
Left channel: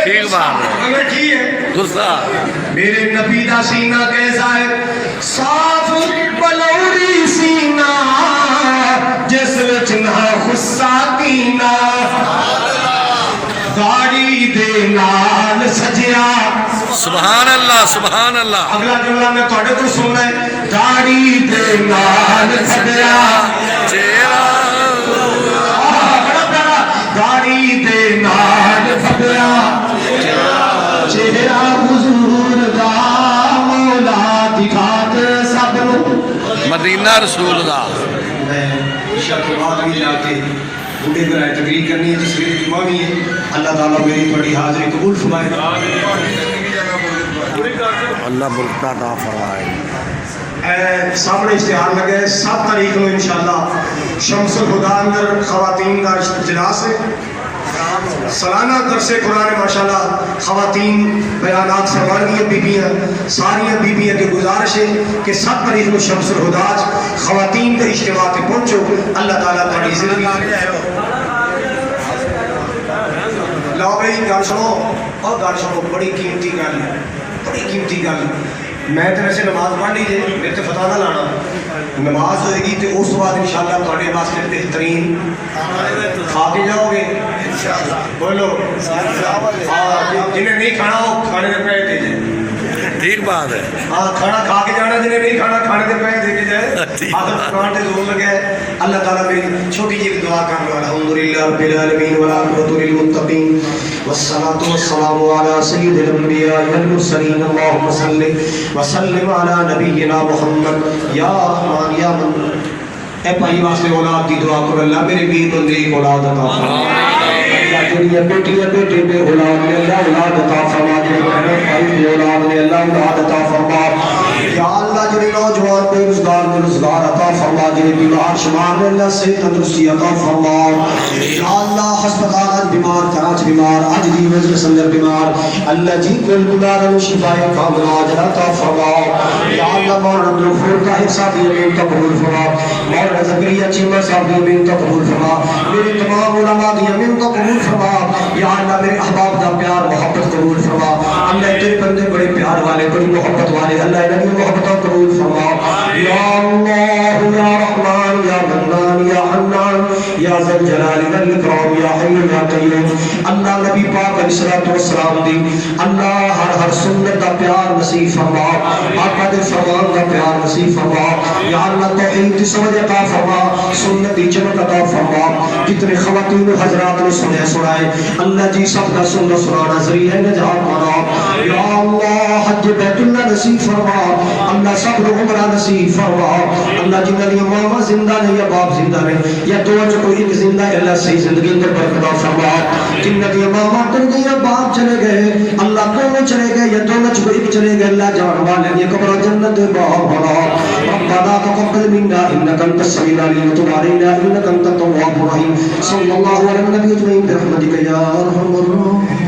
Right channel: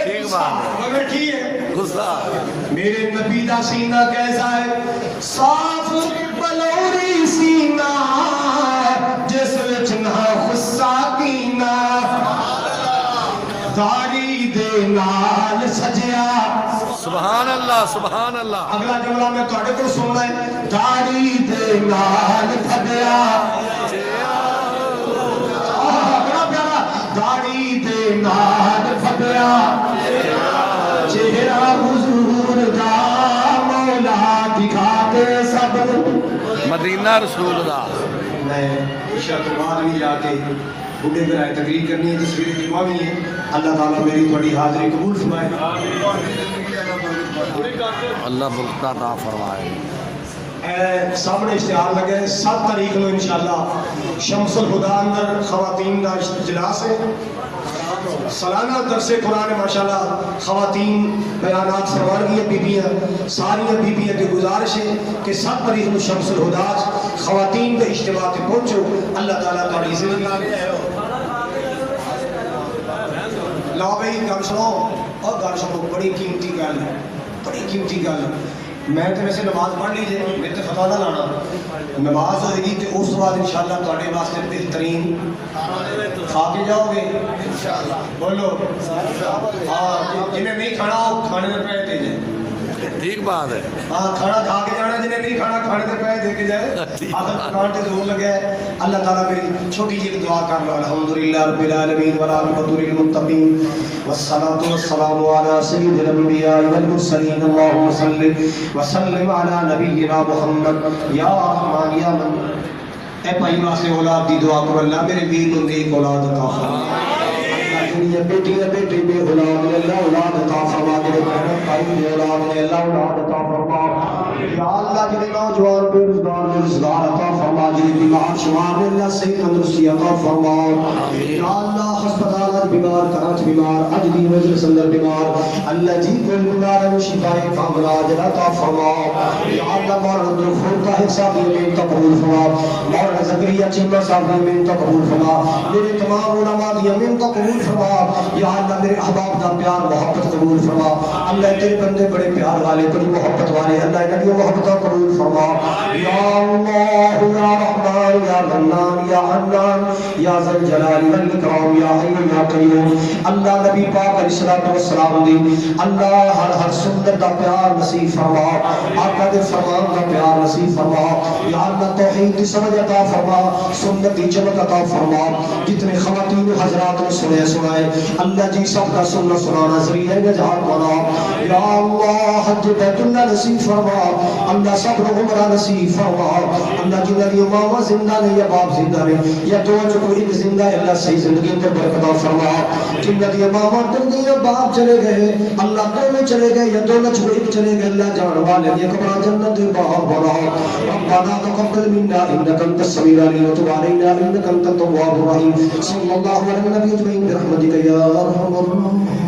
ٹھیک بات ہے غصہ میرے نبی دا سینہ کیسا ہے صاف بلوری سینہ جس وچ نہ غصہ کینا داڑھی دے نال سجیا سبحان اللہ سبحان اللہ اگلا جملہ میں تھوڑے کو سننا ہے داڑھی دے نال سجیا داڑھی دے نال سجیا چہرہ حضور دا مولا دکھا کے سب مدینہ رسول اللہ میں شاہ کے بعد بھی جا کے بوڑھے پر تقریر کرنی ہے جس کی امامی ہے اللہ تعالیٰ میری بڑی حاضری قبول فرمائے اللہ برکت عطا فرمائے سامنے اشتہار لگے 7 تاریخ کو انشاءاللہ شمس الہدا اندر خواتین کا اجلاس ہے سالانہ درس قرآن ماشاءاللہ خواتین بیانات فرما رہی ہیں بیبیاں ساری بیبیاں کی گزارش ہے کہ 7 تاریخ کو شمس الہدا خواتین کے اجتماع پہ پہنچو اللہ تعالیٰ تاری زندگی لاؤ بھائی گل سنو اور گل سنو بڑی قیمتی گل ہے بڑی قیمتی گل میں تو ویسے نماز پڑھنی ہے میرے تو فتح نہ لانا نماز ہوئے گی تو اس بعد انشاءاللہ تھوڑے واسطے بہترین کھا کے جاؤ گے بولو جنہیں نہیں کھانا وہ کھانے کے پیسے دے جائے ٹھیک بات ہے ہاں کھانا کھا کے جانا جنہیں نہیں کھانا کھانے کے پیسے دے کے جائے آخر قرآن کے زور لگے اللہ تعالیٰ میری چھوٹی جی دعا کر رہا الحمدللہ رب العالمین والعاقبۃ للمتقین والصلاة والسلام على سيد الأنبياء والمرسلين اللهم صل وسلم على نبينا محمد یا رحمان یا من اے بھائی واسطے اولاد دی دعا کرو اللہ میرے ویر نوں نیک اولاد عطا فرما اللہ جڑی بیٹی بیٹے بے اولاد نے اللہ اولاد عطا فرما جڑے بہن بھائی بے اولاد نے اللہ اولاد عطا فرما یا اللہ جڑے نوجوان بے روزگار عطا فرما جڑے بیمار شمار نے اللہ صحت تندرستی عطا فرما یا اللہ ہسپتال بیمار کراچ بیمار اج دی مجلس اندر بیمار اللہ جی کے بیمار شفا کامل عطا فرما یا اللہ مولانا عبدالغفور کا حصہ دیے قبول فرما مولانا زکریا چیمہ صاحب نے قبول فرما میرے تمام علماء کی امین کا قبول فرما یا اللہ میرے احباب کا پیار محبت قبول فرما اللہ تیرے بندے بڑے پیار والے بڑی محبت والے اللہ انہی محبت قبول فرما یا اللہ یا رحمان یا منان یا حنان یا ذی الجلال والاکرام یا حی یا قیوم اللہ نبی پاک علیہ الصلوۃ والسلام دی اللہ ہر سنت کا پیار نصیب فرما آقا کے فرمان کا پیار نصیب فرما یا اللہ توحید کی سمجھ عطا فرما سنت کی جمع عطا فرما کتنے خواتین و حضرات نے سنائے اللہ جی سب کا سننا سنانا ذریعہ نجات بنا یا اللہ حج بیت اللہ نصیب فرما اللہ صبر عمرہ نصیب فرما اللہ جنہاں دی ماما زندہ نے یا باپ زندہ نے یا دو جو کوئی ایک زندہ ہے اللہ صحیح زندگی اندر برکت فرما جنہاں دی ماما تنگی یا باپ چلے گئے اللہ دونوں چلے گئے یا دونوں جو ایک چلے گئے اللہ جان والے یہ قبر جنت باہر بنا ربنا تقبل منا انك انت السميع العليم وتب علينا انك انت التواب الرحيم صلى الله على النبي اجمعين برحمتك يا ارحم الراحمين